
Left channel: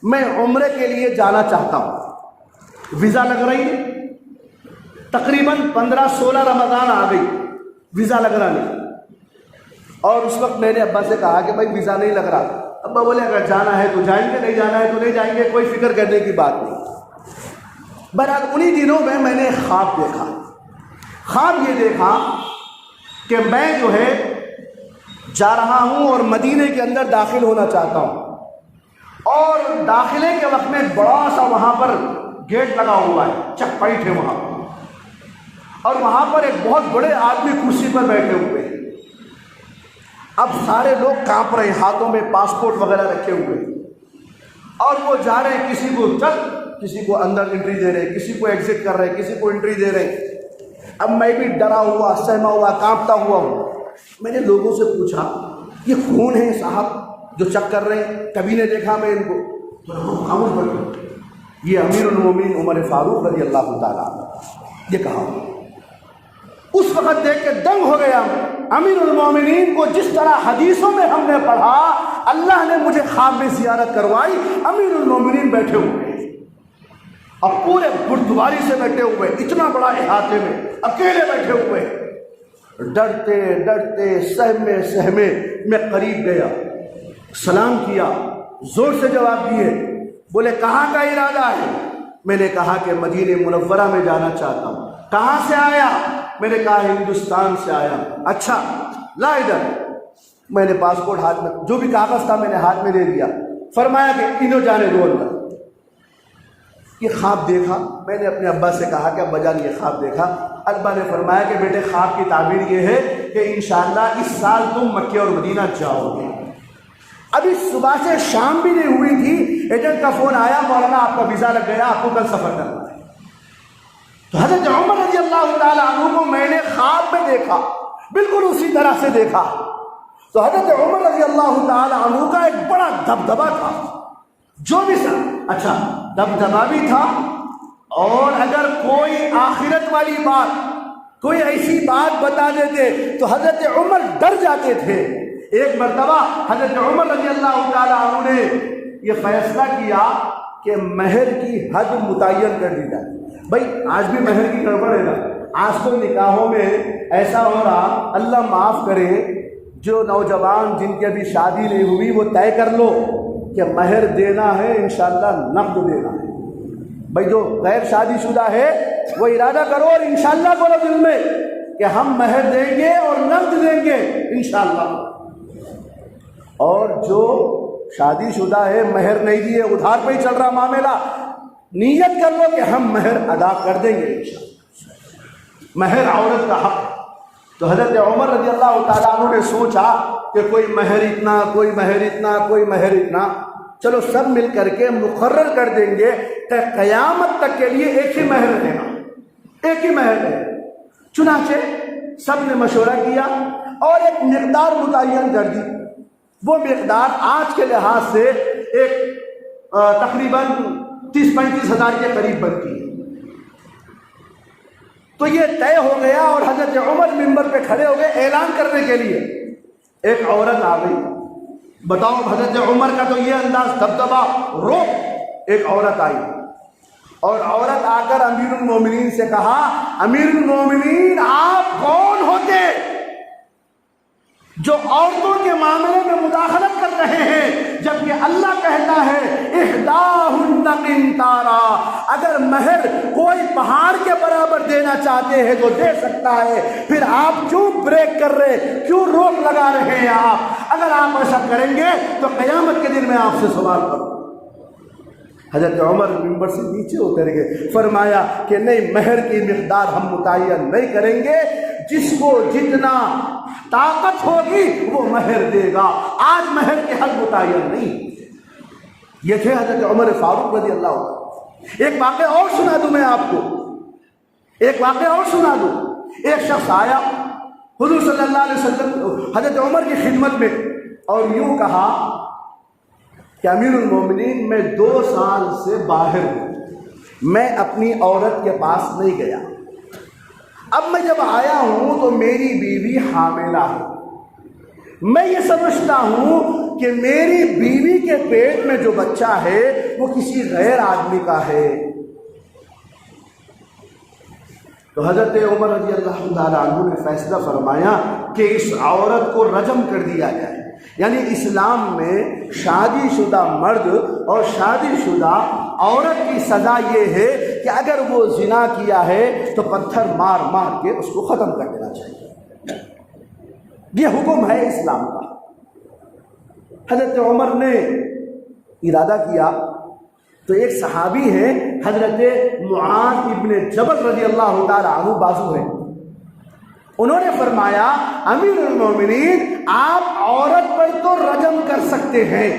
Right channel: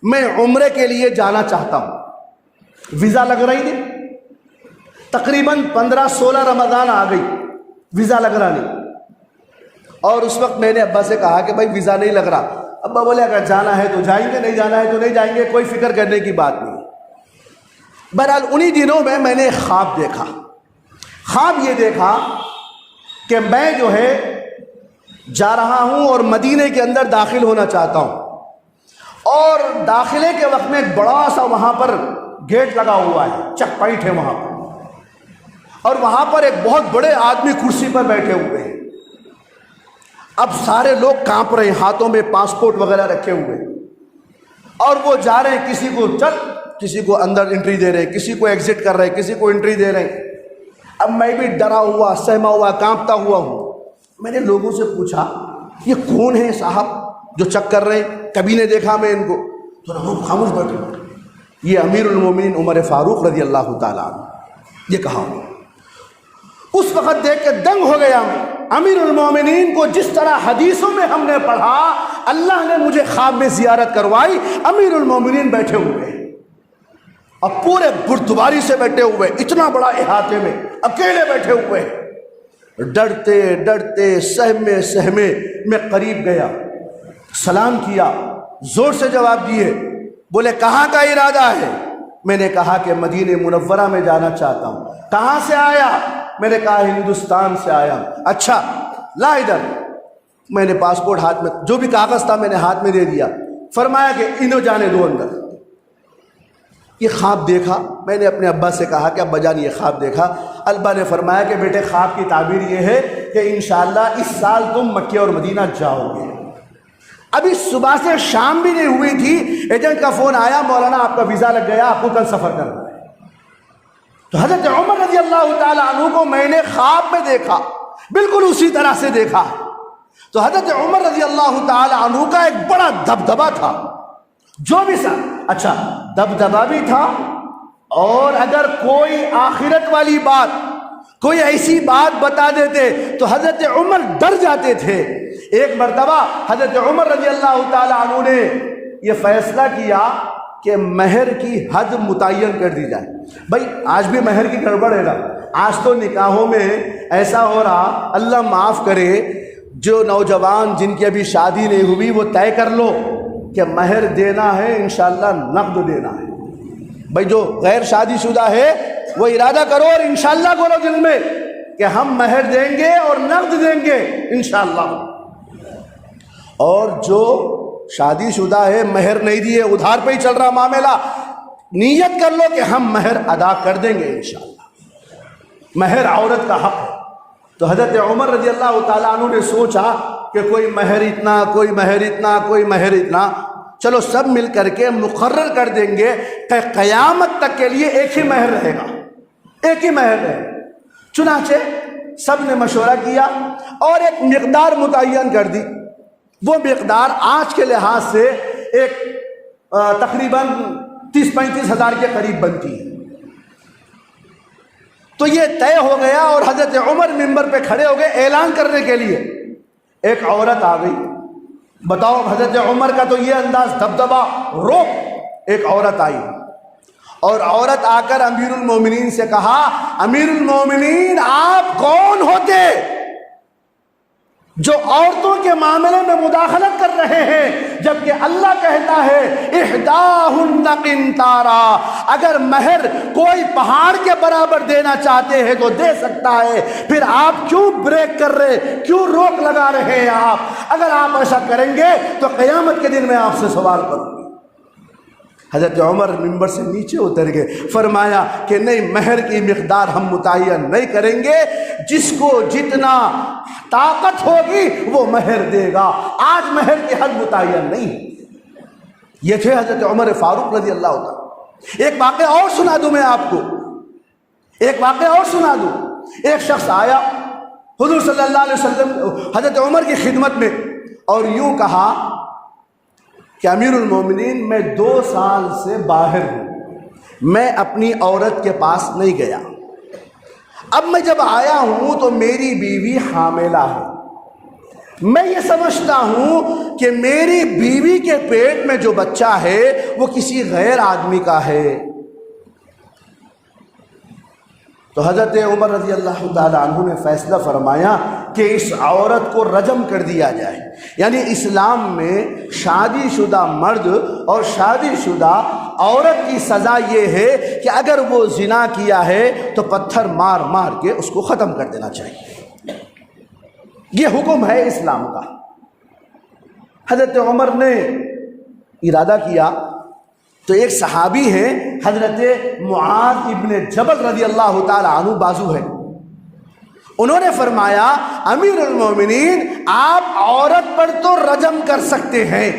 میں عمرے کے لیے جانا چاہتا ہوں، ویزا لگ رہی ہے، تقریباً 15-16 رمضان آ گئی، ویزا لگ رہا نہیں، اور اس وقت میں نے ابا سے کہا کہ بھائی ویزا نہیں لگ رہا۔ ابا بولے اگر جانا ہے تو جائیں گے، نہیں جانا ہے تو نہیں جائیں گے، کوئی فکر کرنے کی بات نہیں۔ بہرحال انہی دنوں میں نے ایک خواب دیکھا۔ خواب یہ دیکھا کہ میں جو ہے جا رہا ہوں اور مدینے کے اندر داخل ہونا چاہتا ہوں، اور داخلے کے وقت میں ایک بڑا سا وہاں پر گیٹ لگا ہوا ہے، چیک پوائنٹ ہے وہاں پر، اور وہاں پر ایک بہت بڑے آدمی کرسی پر بیٹھے ہوئے ہیں۔ اب سارے لوگ کانپ رہے ہیں، ہاتھوں میں پاسپورٹ وغیرہ رکھے ہوئے، اور وہ جا رہے ہیں، کسی کو چل، کسی کو اندر انٹری دے رہے، کسی کو ایگزٹ کر رہے، کسی کو انٹری دے رہے۔ اب میں بھی ڈرا ہوا، سہما ہوا، کانپتا ہوا ہوں۔ میں نے لوگوں سے پوچھا یہ کون ہے صاحب جو چیک کر رہے ہیں؟ کبھی نے دیکھا میں ان کو، تو لوگ خاموش بیٹھے۔ یہ امیر المومنین عمر فاروق رضی اللہ تعالیٰ عنہ، یہ کہا۔ اس وقت دیکھ کے دنگ ہو گیا۔ امیر المومنین کو جس طرح حدیثوں میں ہم نے پڑھا، اللہ نے مجھے خواب میں زیارت کروائی، امیر المومنین بیٹھے ہوئے ہیں، اور پورے بردباری سے بیٹھے ہوئے، اتنا بڑا احاطے میں اکیلے بیٹھے ہوئے ہیں۔ ڈرتے ڈرتے سہمے سہمے میں قریب گیا، سلام کیا، زور سے جواب دیے۔ بولے کہاں کا ارادہ ہے؟ میں نے کہا کہ مدینہ منورہ میں جانا چاہتا ہوں۔ کہاں سے آیا؟ میں نے کہا ہندوستان سے آیا۔ اچھا لا ادھر۔ میں نے پاسپورٹ ہاتھ میں، جو بھی کاغذ تھا میں نے ہاتھ میں دے دیا۔ فرمایا کہ انہوں جانے دو اندر۔ یہ خواب دیکھا، میں نے اپنے ابا سے کہا کہ ابا جان یہ خواب دیکھا۔ ابا نے فرمایا کہ بیٹے خواب کی تعبیر یہ ہے کہ انشاءاللہ اس سال تم مکہ اور مدینہ جاؤ گے۔ ابھی صبح سے شام بھی نہیں ہوئی تھی، ایجنٹ کا فون آیا، مولانا آپ کا ویزا لگ گیا، آپ کو کل سفر کرنا ہے۔ تو حضرت عمر رضی اللہ تعالیٰ عنہ کو میں نے خواب میں دیکھا، بالکل اسی طرح سے دیکھا۔ تو حضرت عمر رضی اللہ تعالیٰ عنہ کا ایک بڑا دبدبا تھا، جو بھی سر اچھا دبدبا بھی تھا، اور اگر کوئی آخرت والی بات، کوئی ایسی بات بتا دیتے تو حضرت عمر ڈر جاتے تھے۔ ایک مرتبہ حضرت عمر رضی اللہ تعالیٰ عنہ نے یہ فیصلہ کیا کہ مہر کی حد متعین کر دی جائے۔ بھائی آج بھی مہر کی گڑبڑ ہے نا، آج تو نکاحوں میں ایسا ہو رہا، اللہ معاف کرے، جو نوجوان جن کی ابھی شادی نہیں ہوئی وہ طے کر لو کہ مہر دینا ہے انشاءاللہ نقد دینا ہے۔ بھائی جو غیر شادی شدہ ہے وہ ارادہ کرو اور انشاءاللہ کرو دل میں کہ ہم مہر دیں گے اور نقد دیں گے انشاءاللہ۔ اور جو شادی شدہ ہے مہر نہیں دیے، ادھار پہ ہی چل رہا معاملہ، نیت کر لو کہ ہم مہر ادا کر دیں گے انشاءاللہ۔ مہر عورت کا حق ہے۔ تو حضرت عمر رضی اللہ تعالیٰ عنہ نے سوچا کہ کوئی مہر اتنا، کوئی مہر اتنا، کوئی مہر اتنا، چلو سب مل کر کے مقرر کر دیں گے کہ قیامت تک کے لیے ایک ہی مہر رہے گا، ایک ہی مہر رہے گا۔ چنانچہ سب نے مشورہ کیا اور ایک مقدار متعین کر دی۔ وہ مقدار آج کے لحاظ سے ایک تقریباً 30-35 ہزار کے قریب بنتی ہے۔ تو یہ طے ہو گیا اور حضرت عمر منبر پہ کھڑے ہو گئے اعلان کرنے کے لیے۔ ایک عورت آ گئی، بتاؤ حضرت عمر کا تو یہ انداز، دبدبا، روک۔ ایک عورت آئی اور عورت آ کر امیر المومنین سے کہا امیر المومنین آپ کون ہوتے جو عورتوں کے معاملے میں مداخلت کر رہے ہیں، جبکہ اللہ کہتا ہے احداہن قنطارا، اگر مہر کوئی پہاڑ کے برابر دینا چاہتے ہیں تو دے سکتا ہے، پھر آپ کیوں بریک کر رہے، کیوں روک لگا رہے ہیں؟ آپ اگر آپ ایسا کریں گے تو قیامت کے دن میں آپ سے سوال کروں گا۔ حضرت عمر ممبر سے نیچے اتر گئے، فرمایا کہ نہیں، مہر کی مقدار ہم متعین نہیں کریں گے، جس کو جتنا طاقت ہوگی وہ مہر دے گا، آج مہر کی حد متعین نہیں۔ یہ تھے حضرت عمر فاروق رضی اللہ عنہ۔ ایک واقعہ اور سنا دوں میں آپ کو، ایک واقعہ اور سنا دوں۔ ایک شخص آیا حضور صلی اللہ علیہ وسلم حضرت عمر کی خدمت میں اور یوں کہا کہ امیر المومنین میں 2 سال سے باہر ہوں، میں اپنی عورت کے پاس نہیں گیا، اب میں جب آیا ہوں تو میری بیوی حاملہ ہے، میں یہ سمجھتا ہوں کہ میری بیوی کے پیٹ میں جو بچہ ہے وہ کسی غیر آدمی کا ہے۔ تو حضرت عمر رضی اللہ تعالیٰ عنہ نے فیصلہ فرمایا کہ اس عورت کو رجم کر دیا جائے۔ یعنی اسلام میں شادی شدہ مرد اور شادی شدہ عورت کی سزا یہ ہے کہ اگر وہ زنا کیا ہے تو پتھر مار مار کے اس کو ختم کر دینا چاہیے، یہ حکم ہے اسلام کا۔ حضرت عمر نے ارادہ کیا تو ایک صحابی ہے حضرت معاذ ابن جبل رضی اللہ تعالی عنہ، بازو ہے، انہوں نے فرمایا امیر المومنین آپ عورت پر تو رجم کر سکتے ہیں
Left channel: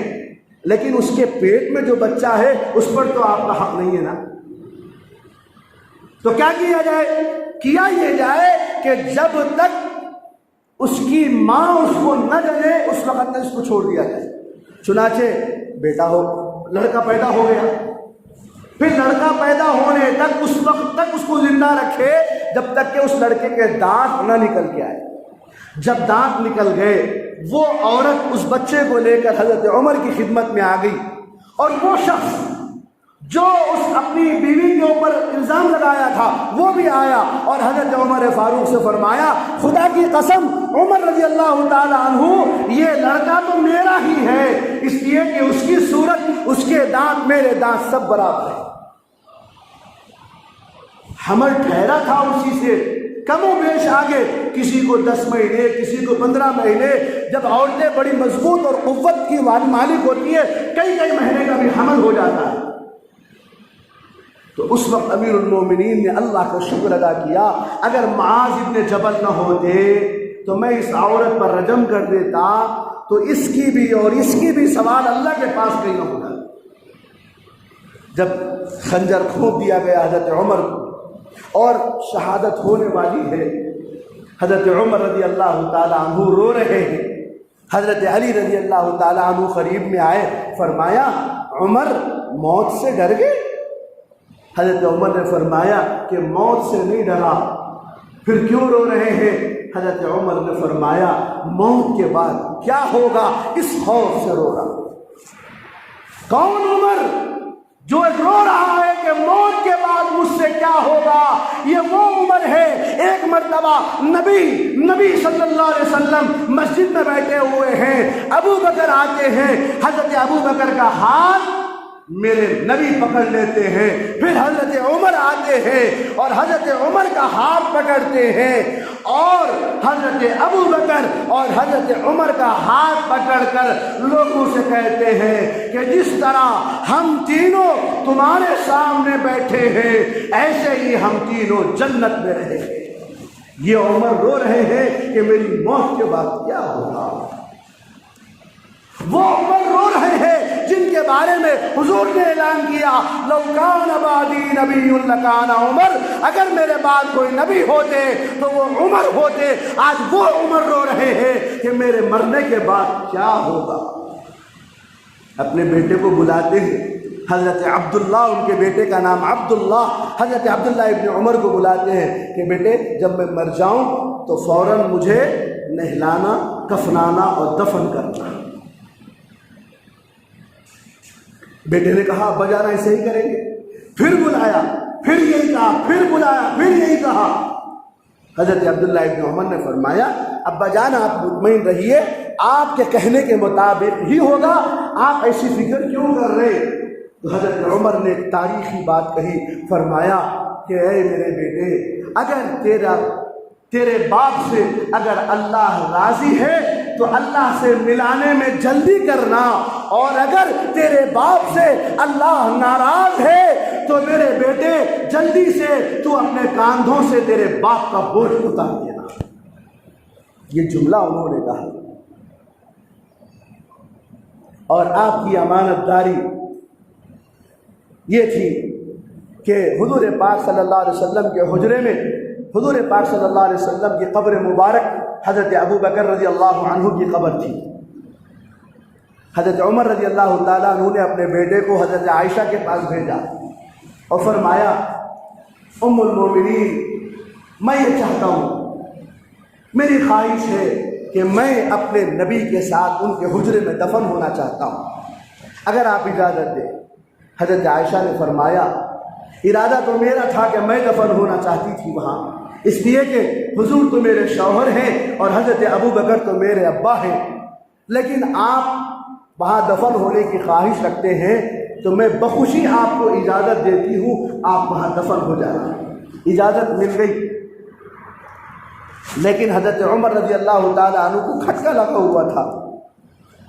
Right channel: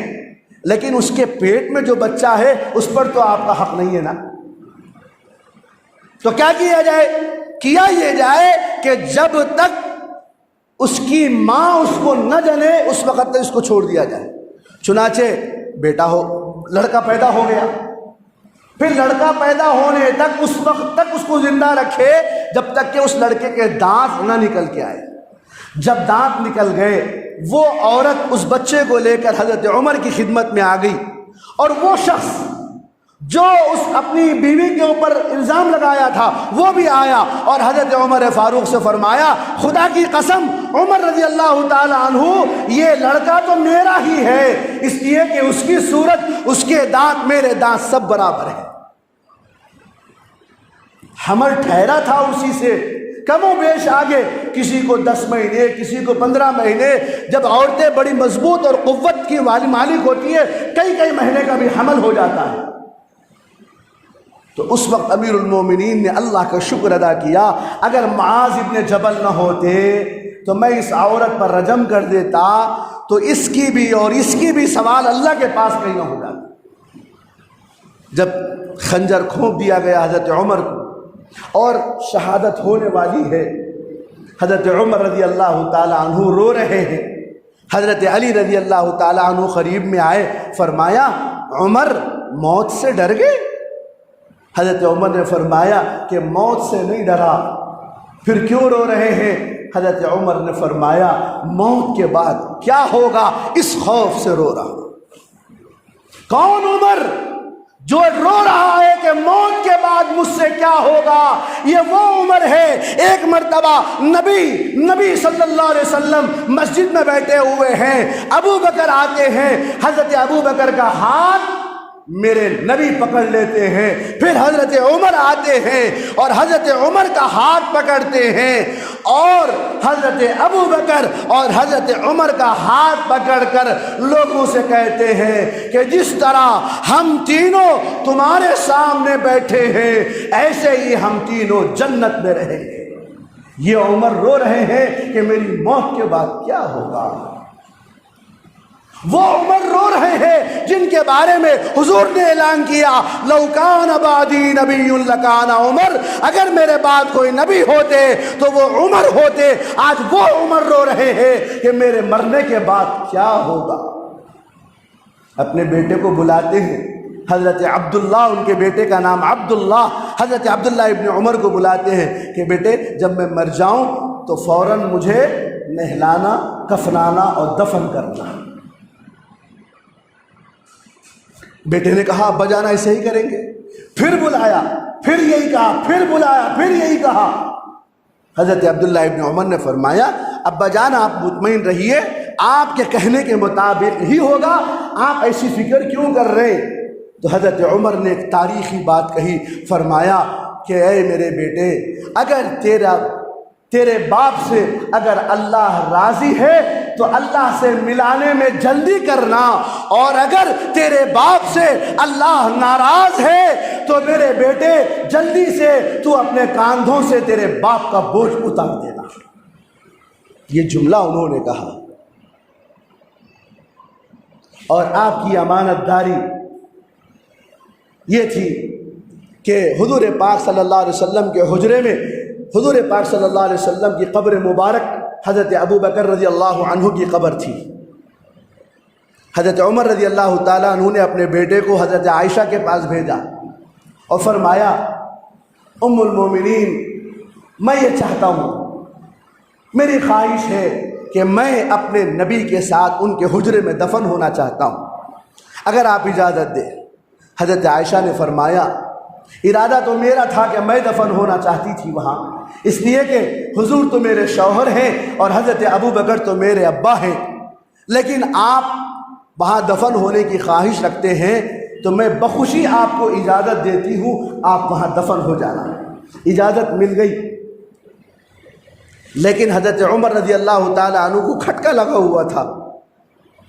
لیکن اس کے پیٹ میں جو بچہ ہے اس پر تو آپ کا حق نہیں ہے نا، تو کیا کیا جائے؟ کیا یہ جائے کہ جب تک اس کی ماں اس کو نہ جنے اس وقت تک اس کو چھوڑ دیا جائے۔ چنانچہ بیٹا ہو، لڑکا پیدا ہو گیا، پھر لڑکا پیدا ہونے تک اس وقت تک اس کو زندہ رکھے جب تک کہ اس لڑکے کے دانت نہ نکل کے آئے۔ جب دانت نکل گئے وہ عورت اس بچے کو لے کر حضرت عمر کی خدمت میں آ گئی، اور وہ شخص جو اس اپنی بیوی کے اوپر الزام لگایا تھا وہ بھی آیا اور حضرت عمر فاروق سے فرمایا خدا کی قسم عمر رضی اللہ تعالی عنہ یہ لڑکا تو میرا ہی ہے، اس لیے کہ اس کی صورت، اس کے دانت، میرے دانت سب برابر ہیں۔ حمل ٹھہرا تھا اسی سے، کم و بیش آگے کسی کو 10 مہینے، کسی کو 15 مہینے، جب عورتیں بڑی مضبوط اور قوت کی مالک ہوتی ہے کئی مہینے کا بھی حمل ہو جاتا ہے۔ تو اس وقت امیر المومنین نے اللہ کا شکر ادا کیا، اگر معاذ ابن جبل نہ ہوتے تو میں اس عورت پر رجم کر دیتا تو اس کی بھی اور اس کی بھی سوال اللہ کے پاس کہیں نہ ہوگا۔ جب خنجر کھونپ دیا گیا حضرت عمر کو اور شہادت ہونے والی ہے، حضرت عمر رضی اللہ تعالی عنہ رو رہے ہیں، حضرت علی رضی اللہ تعالی عنہ قریب میں آئے، فرمایا عمر موت سے ڈر گئے؟ حضرت عمر نے فرمایا کہ موت سے نہیں ڈرا، پھر کیوں رو رہے ہیں؟ حضرت عمر نے فرمایا موت کے بعد کیا ہوگا اس خوف سے رو رہا ہوں۔ کون عمر جو رو رہا ہے کہ موت کے بعد مجھ سے کیا ہوگا؟ یہ وہ عمر ہے، ایک مرتبہ نبی صلی اللہ علیہ وسلم مسجد میں بیٹھے ہوئے ہیں، ابو بکر آتے ہیں، حضرت ابو بکر کا ہاتھ میرے نبی پکڑ لیتے ہیں، پھر حضرت عمر آتے ہیں اور حضرت عمر کا ہاتھ پکڑتے ہیں، اور حضرت ابو بکر اور حضرت عمر کا ہاتھ پکڑ کر لوگوں سے کہتے ہیں کہ جس طرح ہم تینوں تمہارے سامنے بیٹھے ہیں ایسے ہی ہم تینوں جنت میں رہیں گے۔ یہ عمر رو رہے ہیں کہ میری موت کے بعد کیا ہوگا۔ وہ عمر رو رہے ہیں جن کے بارے میں حضور نے اعلان کیا لو کان بعدی نبی لکان عمر، اگر میرے بعد کوئی نبی ہوتے تو وہ عمر ہوتے۔ آج وہ عمر رو رہے ہیں کہ میرے مرنے کے بعد کیا ہوگا۔ اپنے بیٹے کو بلاتے ہیں، حضرت عبداللہ، ان کے بیٹے کا نام عبداللہ، حضرت عبداللہ ابن عمر کو بلاتے ہیں کہ بیٹے جب میں مر جاؤں تو فوراً مجھے نہلانا، کفنانا اور دفن کرنا۔ بیٹے نے کہا ابا جان ایسے ہی کریں گے۔ پھر بلا بلایا، پھر یہی کہا، پھر بلایا، پھر یہی کہا۔ حضرت عبداللہ ابن عمر نے فرمایا ابا جان آپ مطمئن رہیے، آپ کے کہنے کے مطابق ہی ہوگا، آپ ایسی فکر کیوں کر رہے ہیں؟ تو حضرت عمر نے ایک تاریخی بات کہی، فرمایا کہ اے میرے بیٹے، اگر تیرے باپ سے اگر اللہ راضی ہے تو اللہ سے ملانے میں جلدی کرنا، اور اگر تیرے باپ سے اللہ ناراض ہے تو میرے بیٹے جلدی سے تو اپنے کاندھوں سے تیرے باپ کا بوجھ اتار دینا۔ یہ جملہ انہوں نے کہا، اور آپ کی امانت داری یہ تھی کہ حضور پاک صلی اللہ علیہ وسلم کے حجرے میں حضور پاک صلی اللہ علیہ وسلم کی قبر مبارک حضرت ابو بکر رضی اللہ عنہ کی قبر تھی۔ حضرت عمر رضی اللہ تعالیٰ عنہ نے اپنے بیٹے کو حضرت عائشہ کے پاس بھیجا اور فرمایا ام المومنین، میں یہ چاہتا ہوں، میری خواہش ہے کہ میں اپنے نبی کے ساتھ ان کے حجرے میں دفن ہونا چاہتا ہوں، اگر آپ اجازت دیں۔ حضرت عائشہ نے فرمایا ارادہ تو میرا تھا کہ میں دفن ہونا چاہتی تھی وہاں، اس لیے کہ حضور تو میرے شوہر ہیں اور حضرت ابو بکر تو میرے ابا ہیں، لیکن آپ وہاں دفن ہونے کی خواہش رکھتے ہیں تو میں بخوشی آپ کو اجازت دیتی ہوں، آپ وہاں دفن ہو جانا۔ اجازت مل گئی، لیکن حضرت عمر رضی اللہ تعالیٰ عنہ کو کھٹکا لگا ہوا تھا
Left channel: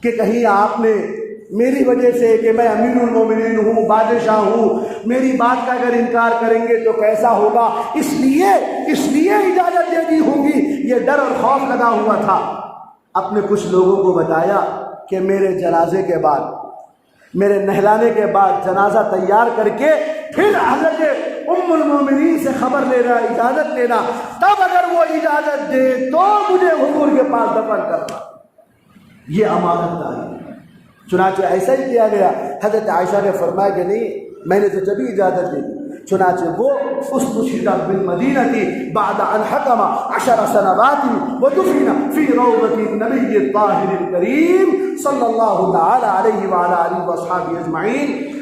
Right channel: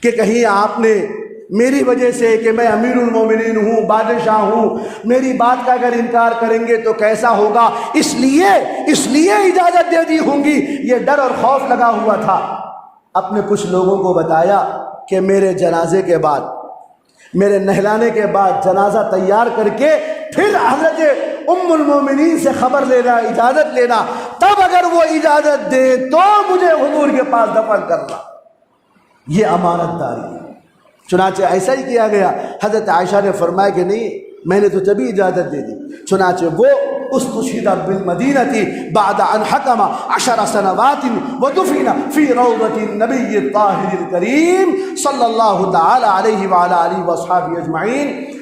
کہ کہیں آپ نے میری وجہ سے کہ میں امیر المومنین ہوں، بادشاہ ہوں، میری بات کا اگر انکار کریں گے تو کیسا ہوگا، اس لیے اجازت دے دی ہوں گی، یہ ڈر اور خوف لگا ہوا تھا۔ اپنے کچھ لوگوں کو بتایا کہ میرے جنازے کے بعد، میرے نہلانے کے بعد جنازہ تیار کر کے پھر حضرت ام المومنین سے خبر لینا، اجازت لینا، تب اگر وہ اجازت دے تو مجھے حضور کے پاس دفن کرنا۔ یہ امانت داری ہے۔ چنانچہ ایسا ہی کیا گیا۔ حضرت عائشہ نے فرمایا کہ نہیں، میں نے تو تبھی اجازت دے دی۔ چنانچہ وہ استشہد بالمدینہ بعد ان حکم 10 سنوات ودفن فی روضۃ النبی الطاہر الکریم صلی اللہ تعالی علیہ وعلی آلہ واصحابہ اجمعین۔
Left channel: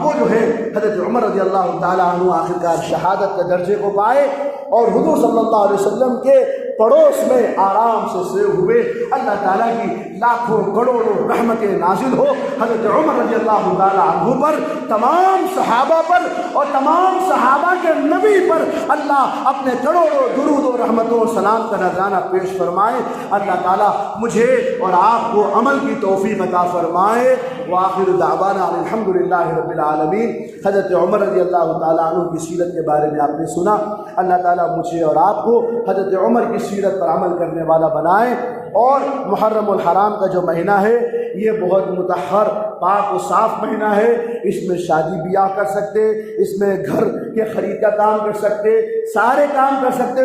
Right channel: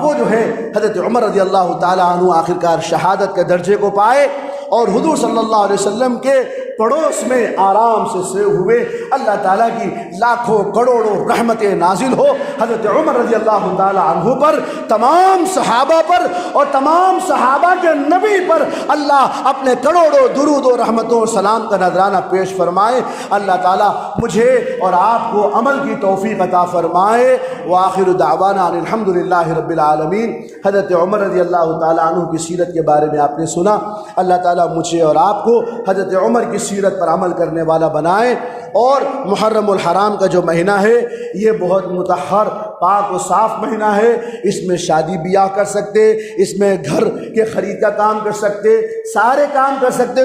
وہ جو ہے حضرت عمر رضی اللہ تعالیٰ عنہ آخرکار شہادت کے درجے کو پائے اور حضور صلی اللہ علیہ وسلم کے پڑوس میں آرام سے سوئے ہوئے۔ اللہ تعالیٰ کی لاکھوں کروڑوں رحمتیں نازل ہو حضرت عمر رضی اللہ تعالیٰ عنہ پر، تمام صحابہ پر اور تمام صحابہ کے نبی پر اللہ اپنے کروڑوں درود و رحمتوں اور سلام کا نذرانہ پیش فرمائے۔ اللہ تعالیٰ مجھے اور آپ کو عمل کی توفیق عطا فرمائے۔ وآخر دعوانا الحمدللہ رب العالمین۔ حضرت عمر رضی اللہ تعالیٰ عنہ کی سیرت کے بارے میں آپ نے سنا۔ اللہ تعالیٰ مجھے اور آپ کو حضرت عمر کی سیرت پر عمل کرنے والا بنائے۔ اور محرم الحرام کا جو مہینہ ہے یہ بہت مطہر، پاک و صاف مہینہ ہے۔ اس میں شادی بیاہ کر سکتے، اس میں گھر کے خرید کا کام کر سکتے، سارے کام کر سکتے۔